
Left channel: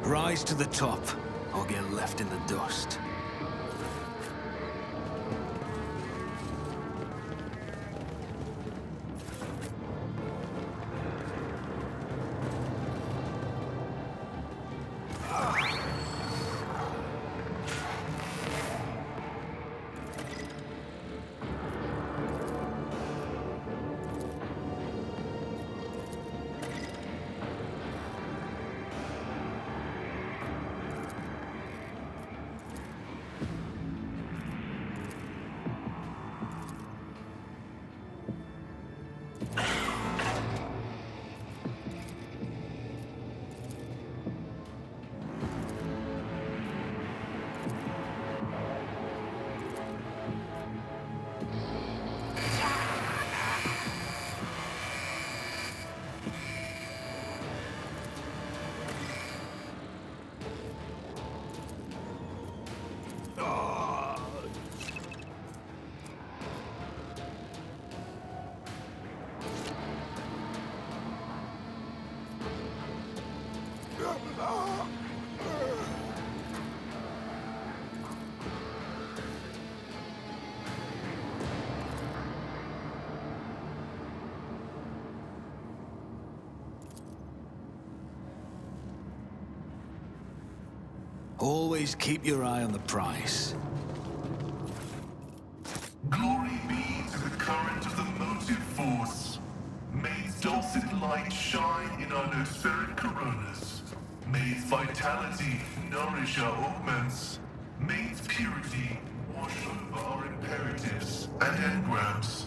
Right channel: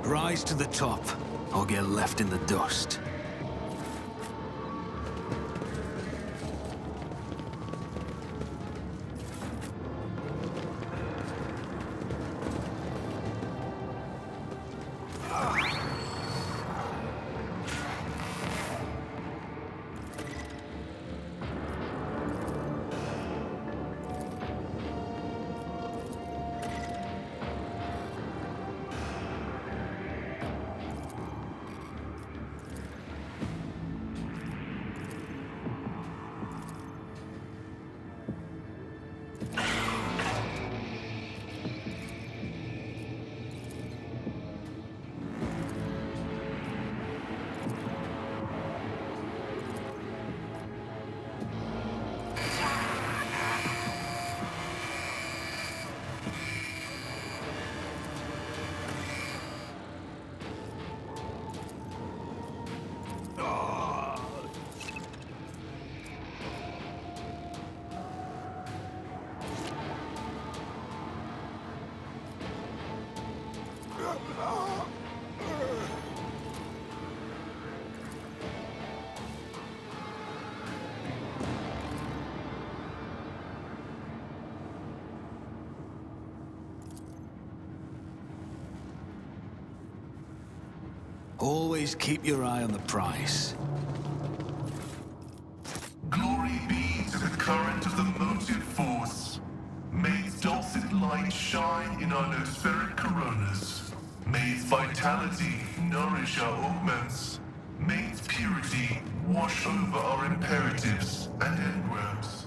Rise to the top, or get left in the dust. Always keep your eye on the prize. Glory be to the current of the motive force. May its dulcet light shine in our nospheric coronas. May its vitality nourish our augments. May its purity wash over our imperatives and engrams.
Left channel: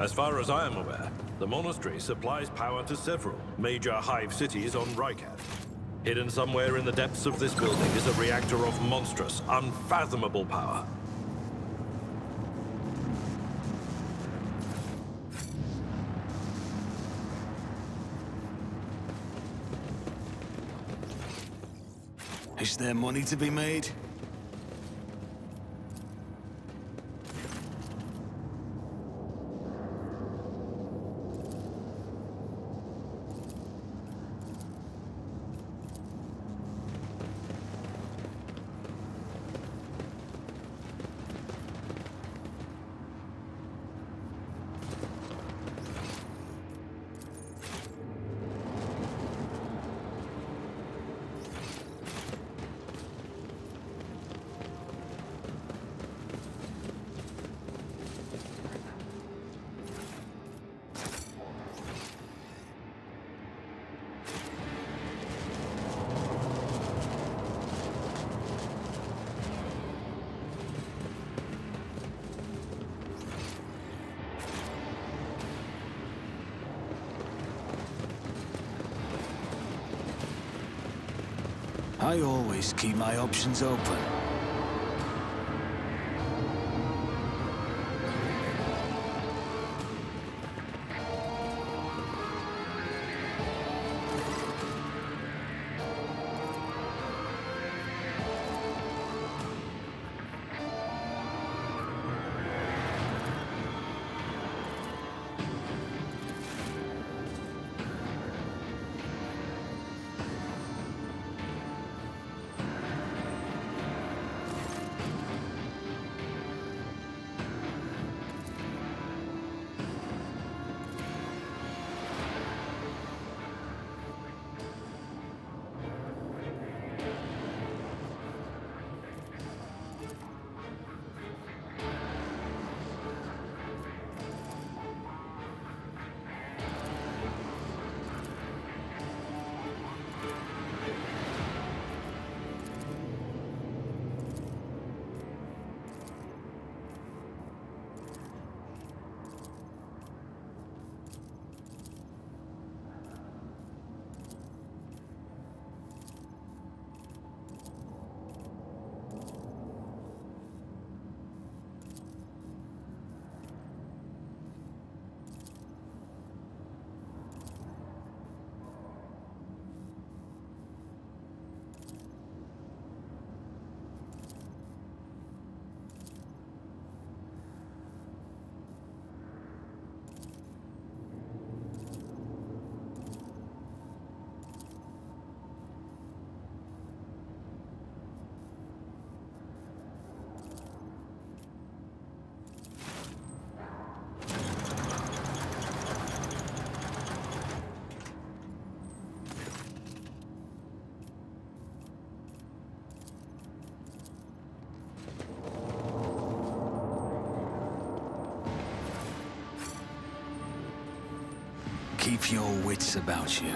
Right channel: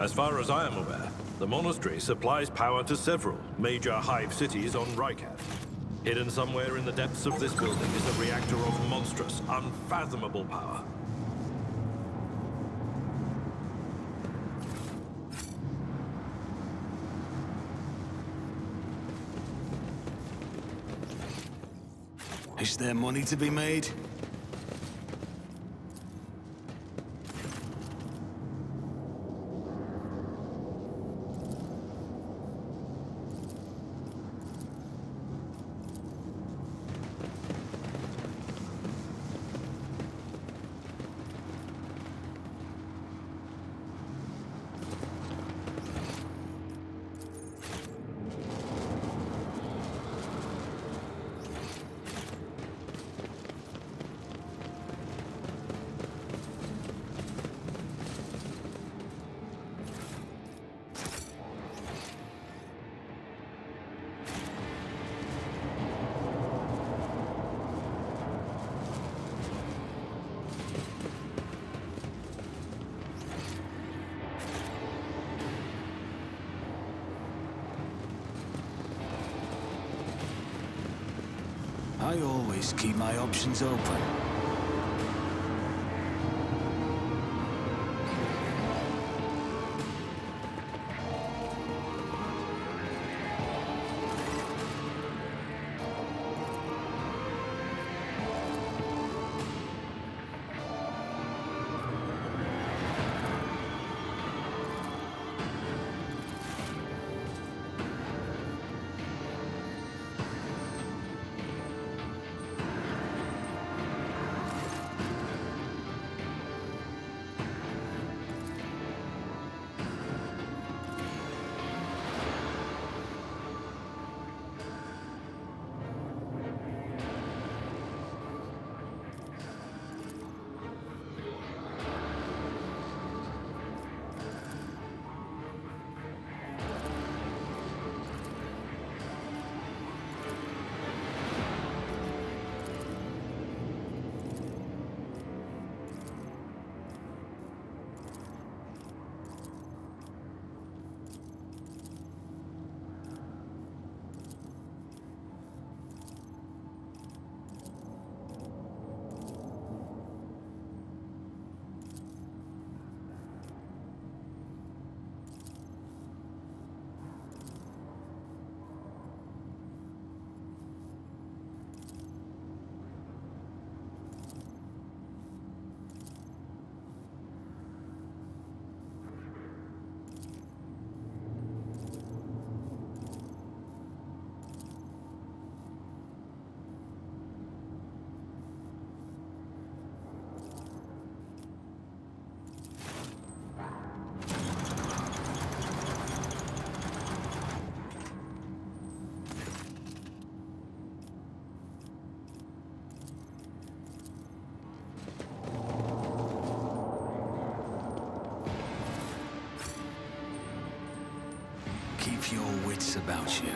As far as I am aware, the monastery supplies power to several major hive cities on Rykard. Hidden somewhere in the depths of this building is a reactor of monstrous, unfathomable power. Is there money to be made? I always keep my options open. Keep your wits about you.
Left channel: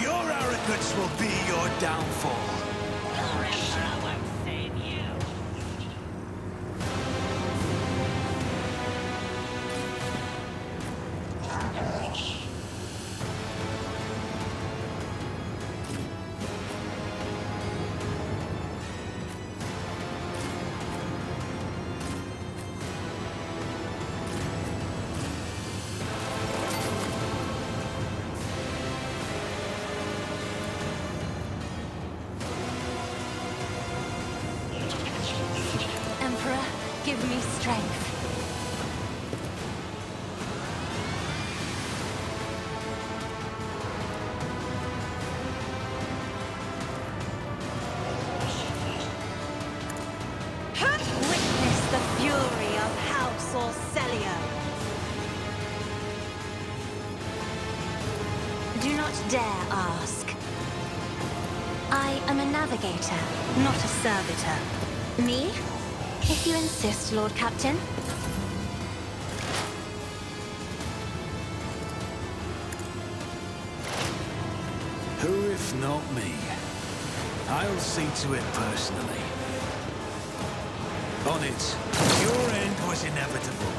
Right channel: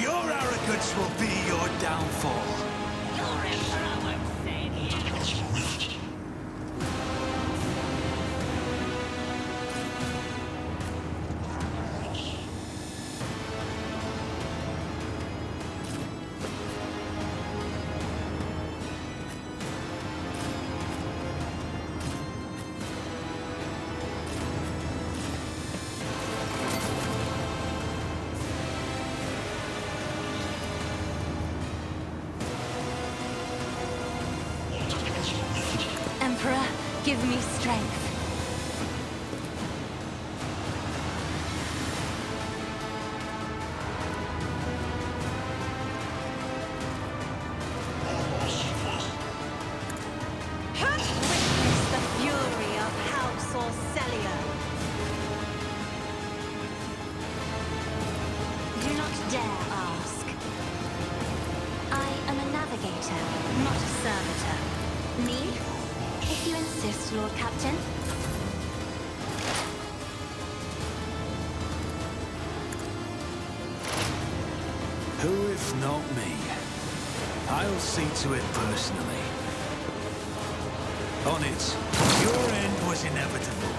Your arrogance will be your downfall. Your Emperor won't save you! Give me strength. Witness the fury of House Orcelio. Do not dare ask. I am a navigator, not a servitor. Me? If you insist, Lord Captain. Who if not me? I'll see to it personally. On it, your end was inevitable.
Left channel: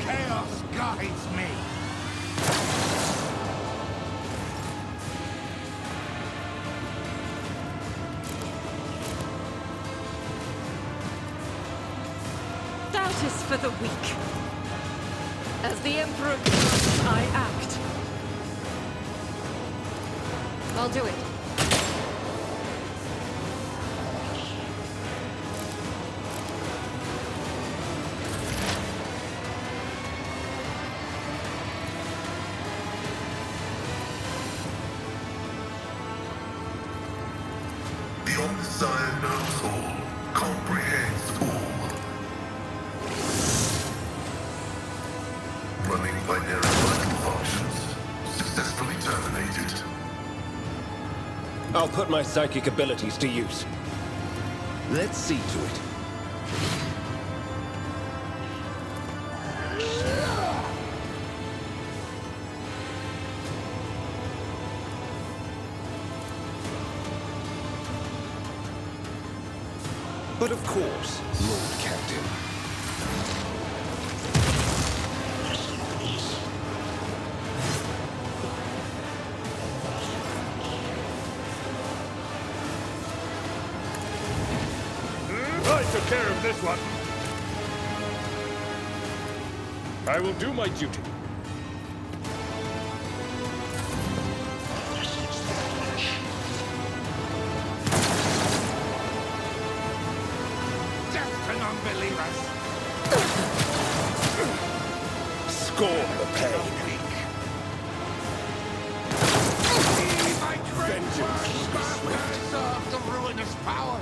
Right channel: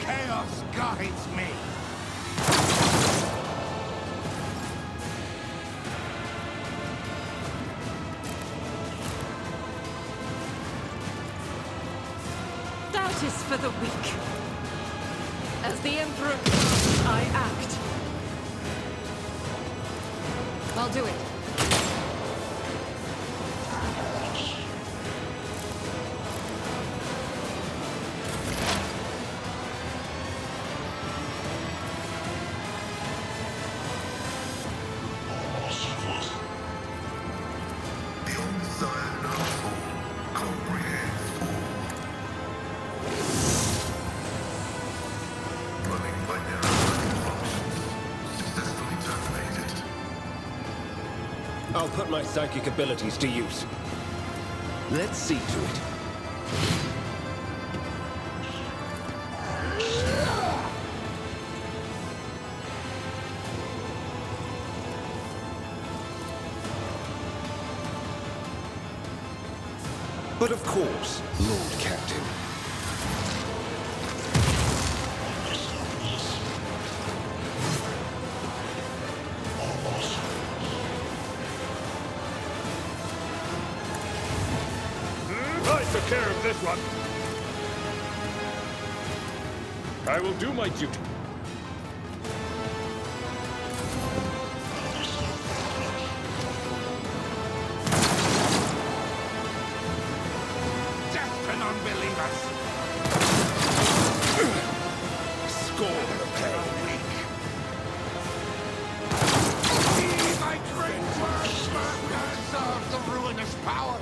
Chaos guides me. Doubt is for the weak. As the Emperor commands, I act. I'll do it. The Omnissiah knows all, comprehends all. Running binary vital functions. Successfully terminated. I'll put my psychic abilities to use. Let's see to it. But of course, Lord Captain. I took care of this one. I will do my duty. Death to non-believers. Scorn the pain. Be my great words, masters of the ruinous power.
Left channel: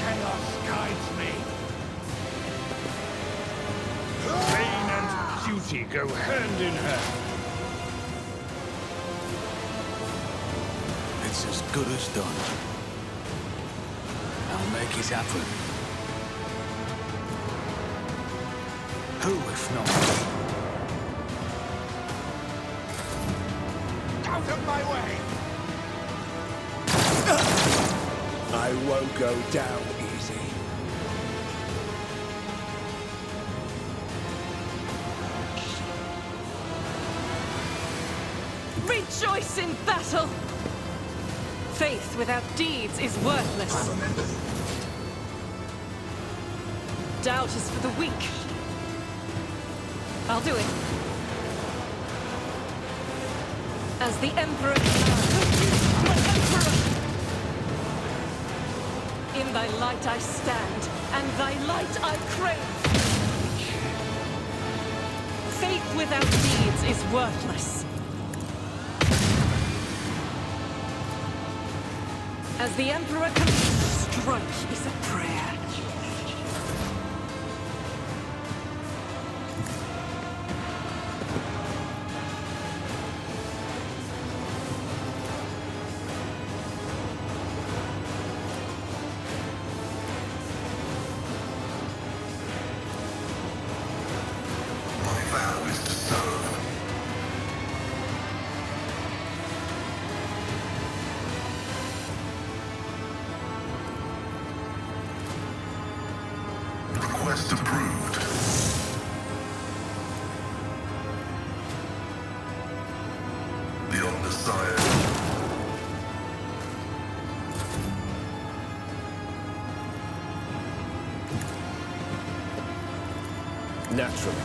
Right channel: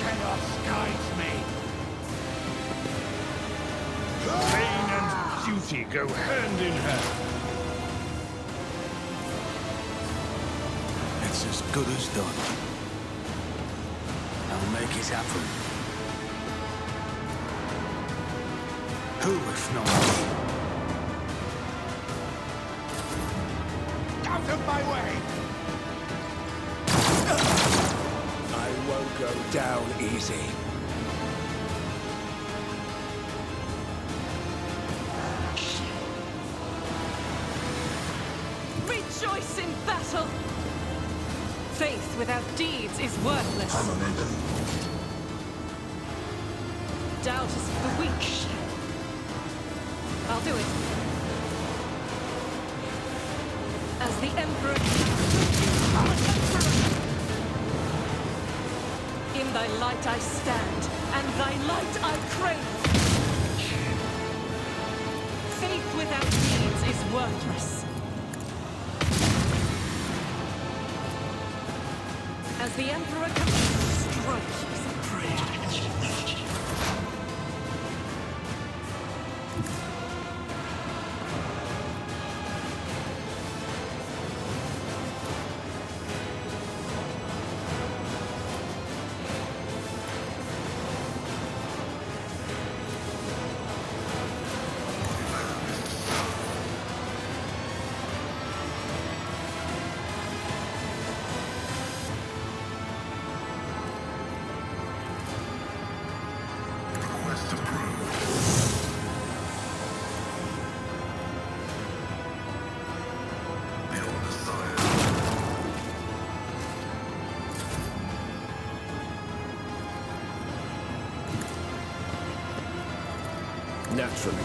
Chaos guides me. Pain and duty go hand in hand. It's as good as done. I'll make it happen. Who if not me? Out of my way! I won't go down easy. Rejoice in battle! Faith without deeds is worthless. Doubt is for the weak. I'll do it. As the Emperor commands. My Emperor! In thy light I stand, and thy light I crave. Faith without deeds is worthless. As the Emperor commands, strike is a prayer. Request approved. The undesired. Naturally.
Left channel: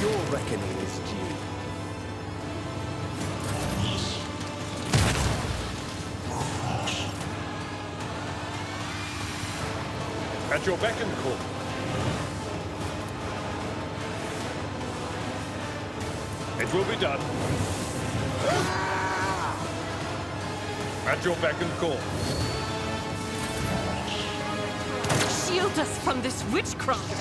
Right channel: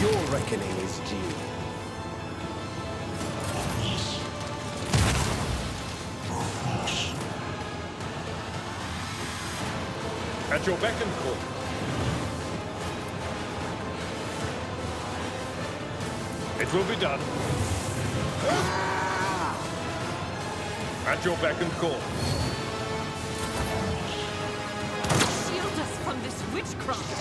Your reckoning is due. At your beck and call. It will be done. At your beck and call. Shield us from this witchcraft!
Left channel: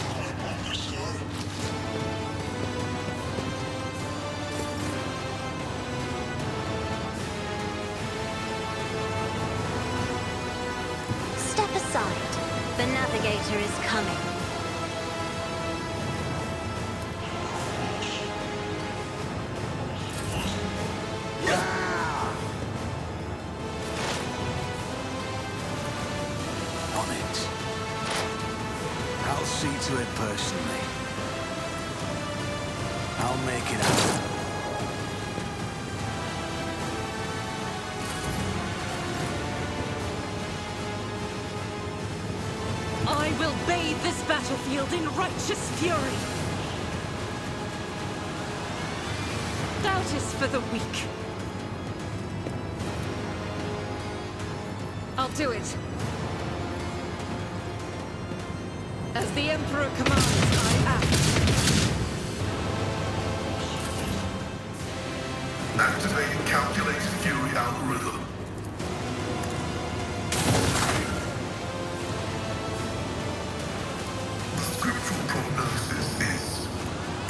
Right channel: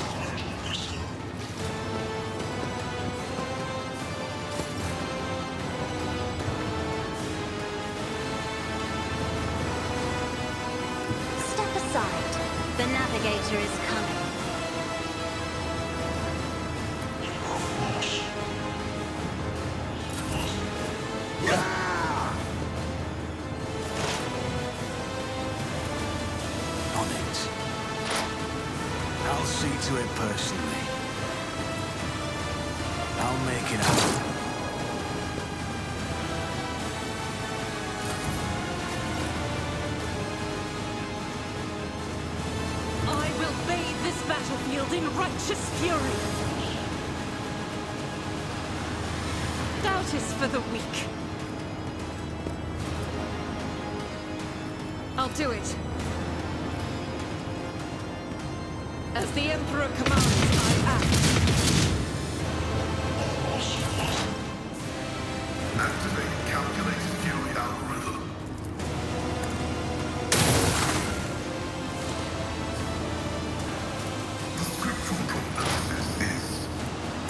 Step aside. The navigator is coming. On it. I'll see to it personally. I'll make it happen. I will bathe this battlefield in righteous fury. Doubt is for the weak. I'll do it. As the Emperor commands, I act. Activating calculated fury algorithm. The scriptural prognosis is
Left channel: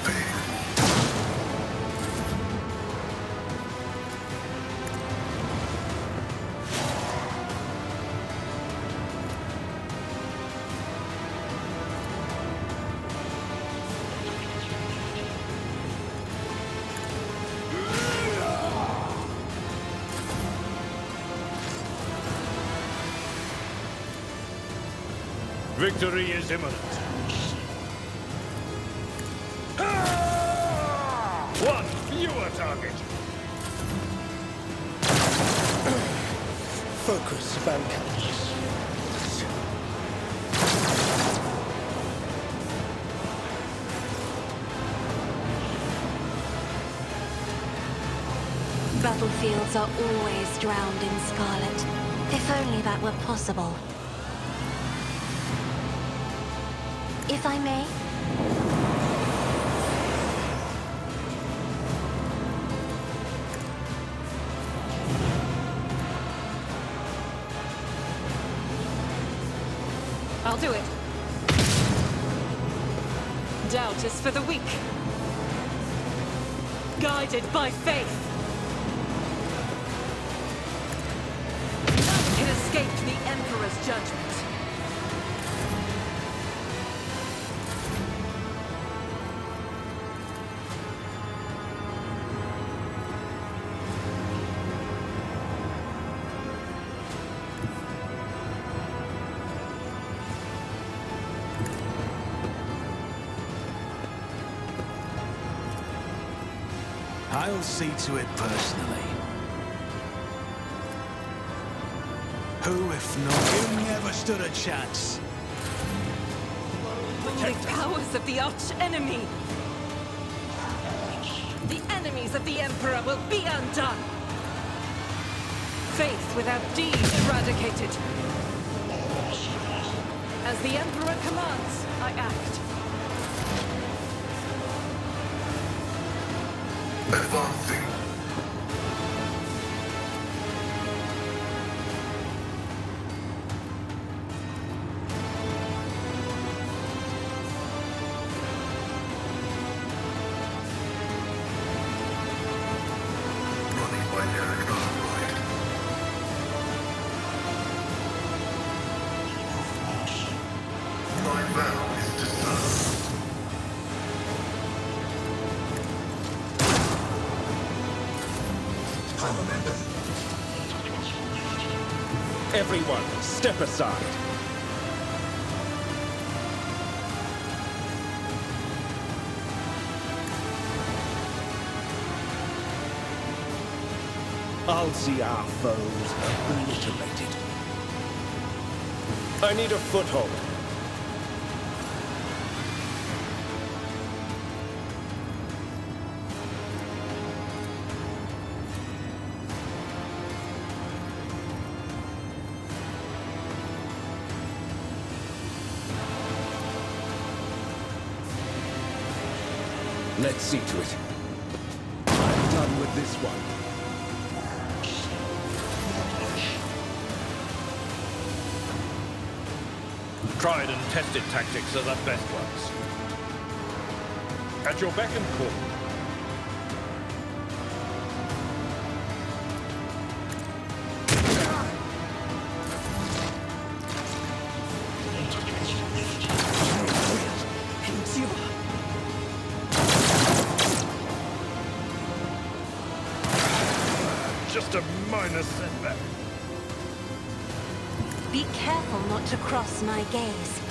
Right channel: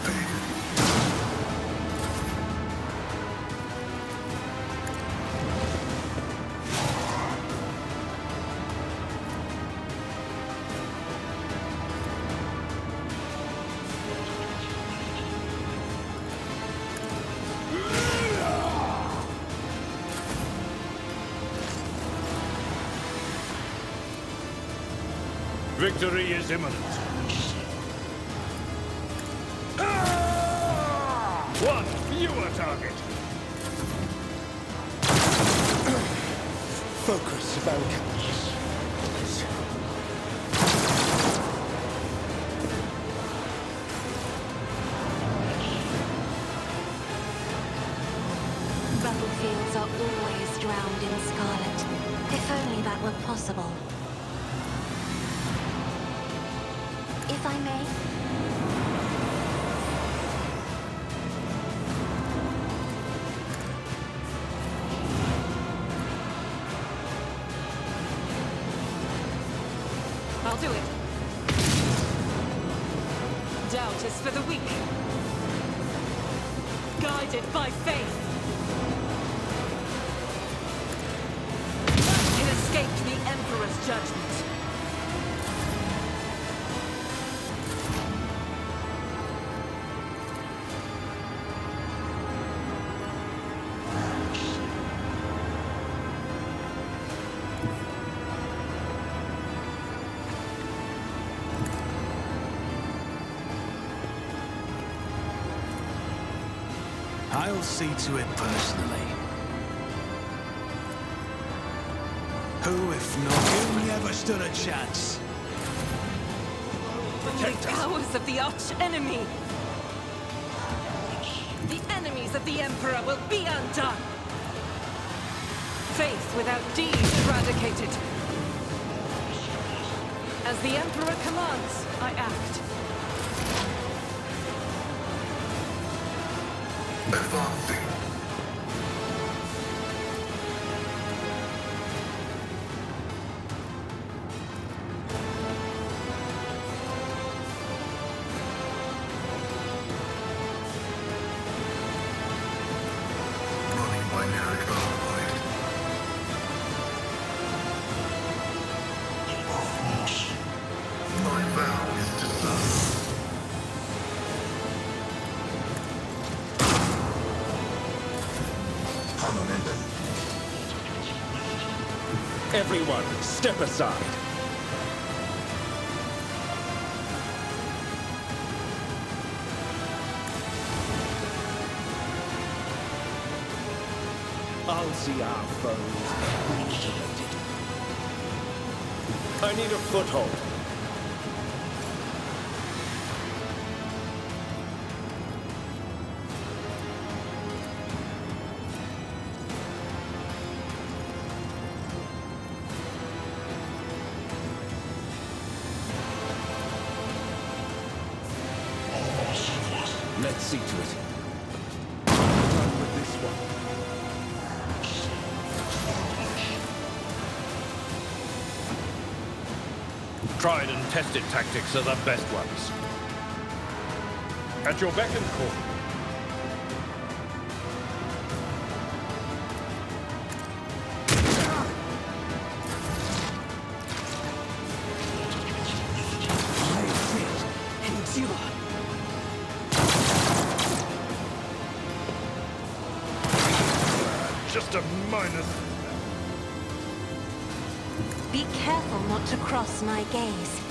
favorable. Victory is imminent. One fewer target. Focus, Vanka. Battlefields are always drowned in scarlet. If only that were possible. If I may? I'll do it. Doubt is for the weak. Guided by faith. None can escape the Emperor's judgment. I'll see to it personally. Who, if not you, never stood a chance? The powers of the arch-enemy! The enemies of the Emperor will be undone! Faith without deed eradicated. As the Emperor commands, I act. Advancing. Running by Rykard. My vow is to serve. Everyone, step aside. I'll see our foes obliterated. I need a foothold. Let's see to it. I'm done with this one. Tried and tested tactics are the best ones. At your beck and call. Just a minor setback. Be careful not to cross my gaze.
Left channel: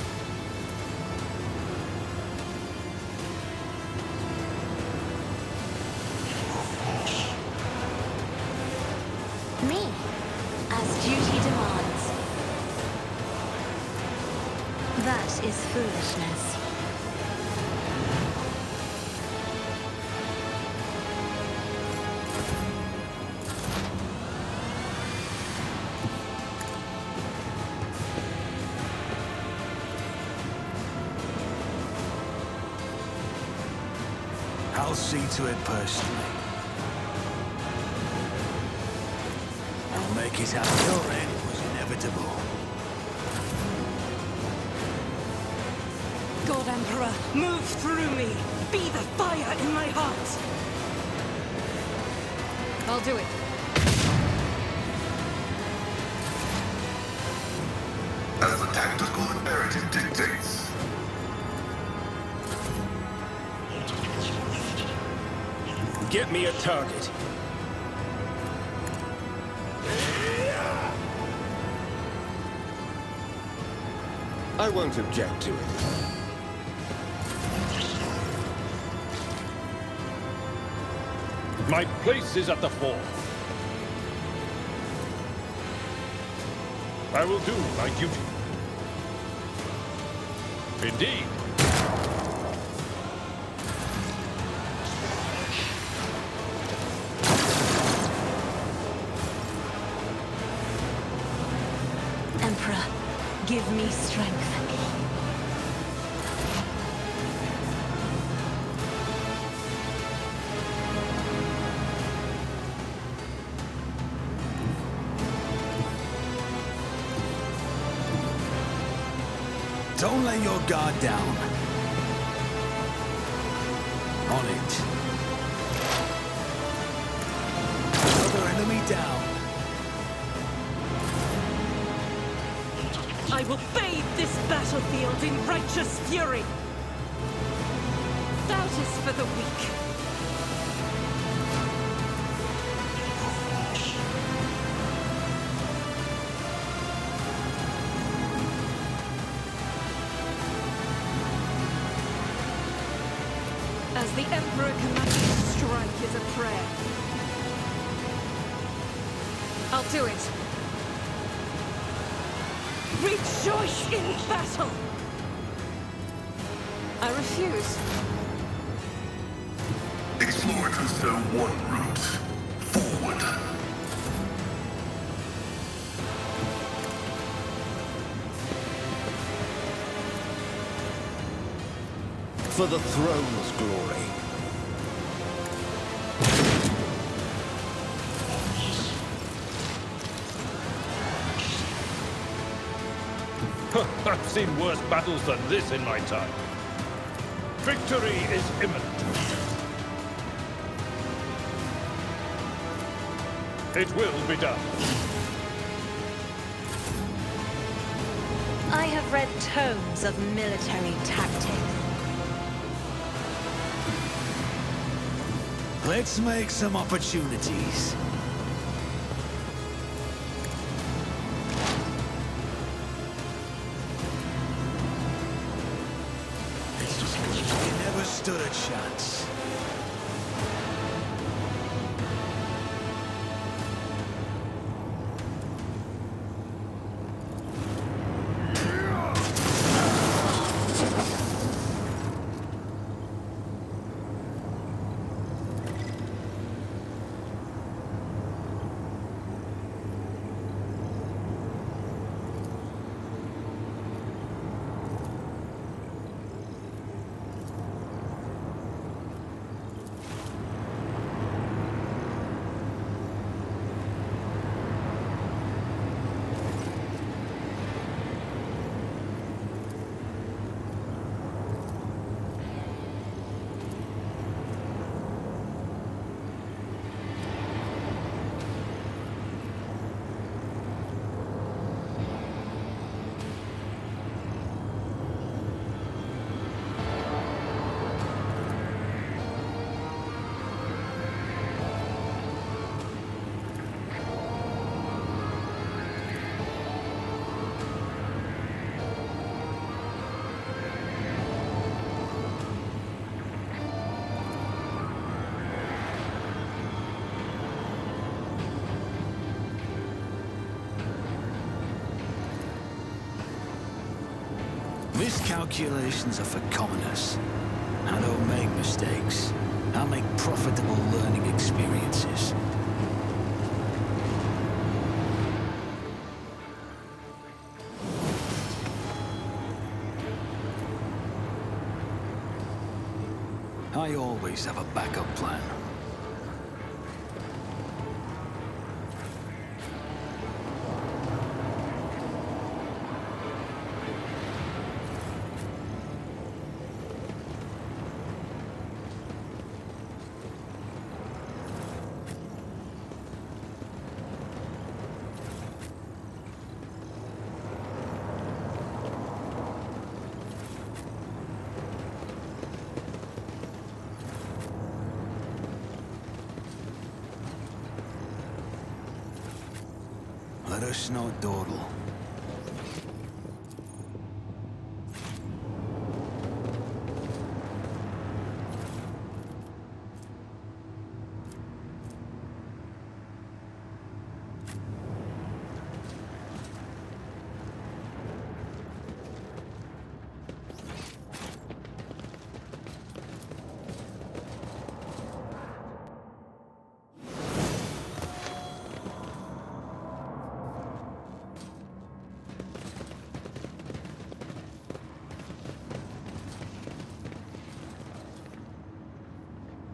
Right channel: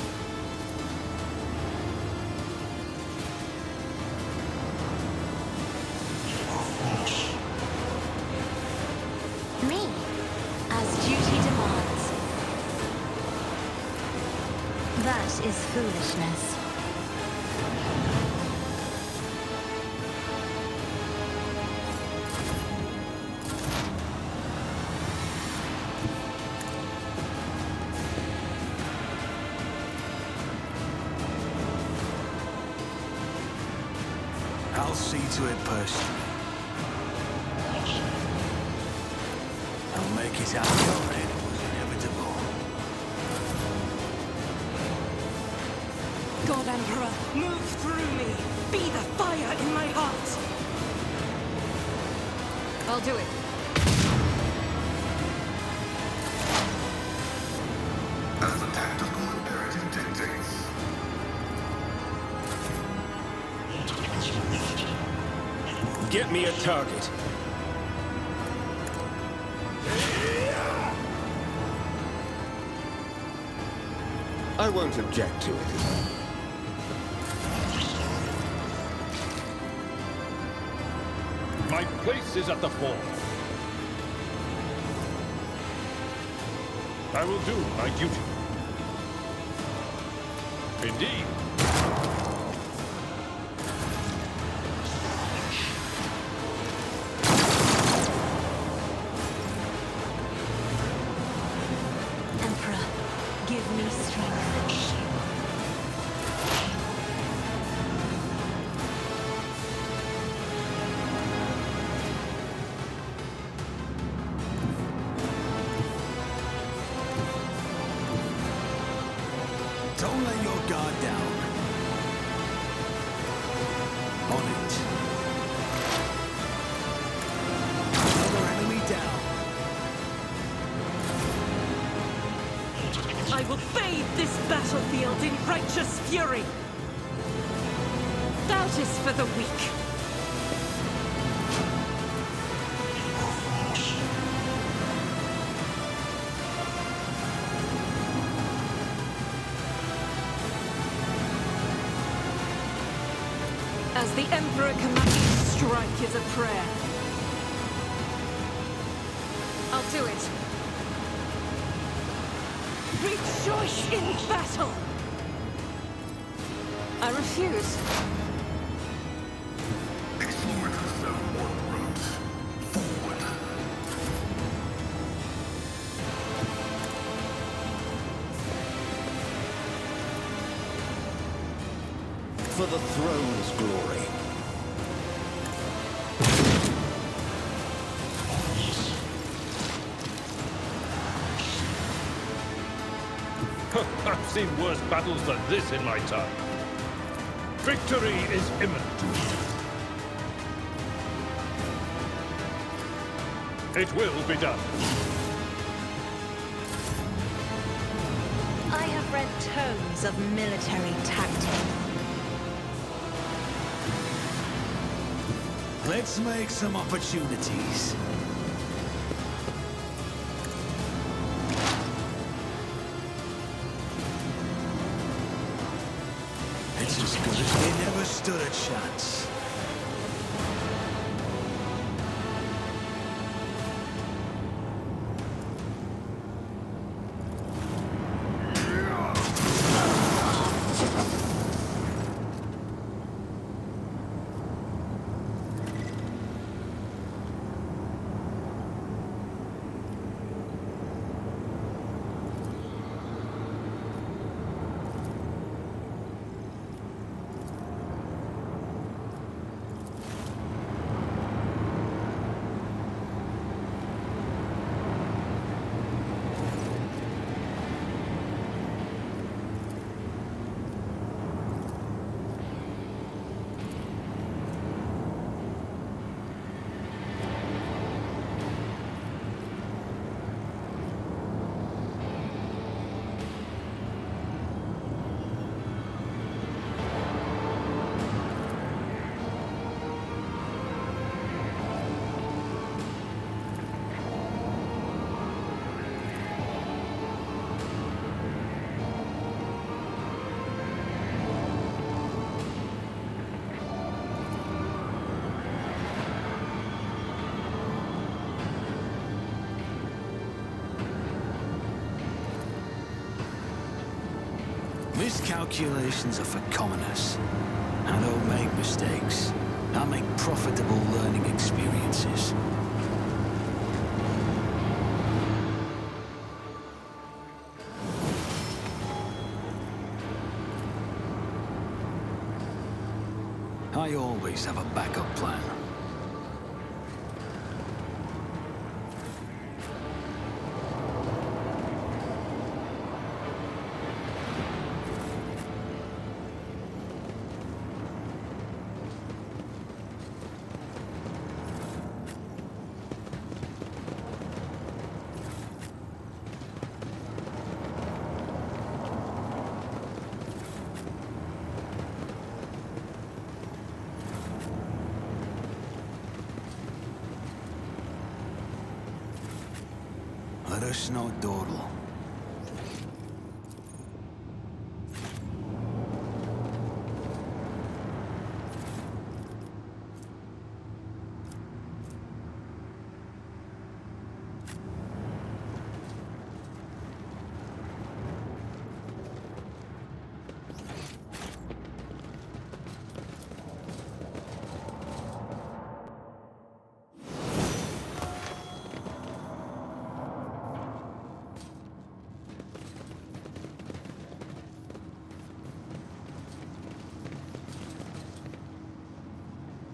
Me, as duty demands. That is foolishness. I'll see to it personally. I'll make it out your end was inevitable. God Emperor, move through me! Be the fire in my heart! I'll do it. As the tactical imperative dictates. Get me a target. I won't object to it. My place is at the fore. I will do my duty. Indeed. Emperor, give me strength. Don't let your guard down. On it. Another enemy down. I will bathe this battlefield in righteous fury. Doubt is for the weak. As the Emperor commands, strike is a prayer. I'll do it. Rejoice in battle! I refuse. Explorators know one route. Forward. For the throne's glory. I've seen worse battles than this in my time. Victory is imminent. It will be done. I have read tomes of military tactics. Let's make some opportunities. as good as they never stood a chance. Miscalculations are for commoners. I don't make mistakes. I make profitable learning experiences. I always have a backup plan. Let us not dawdle.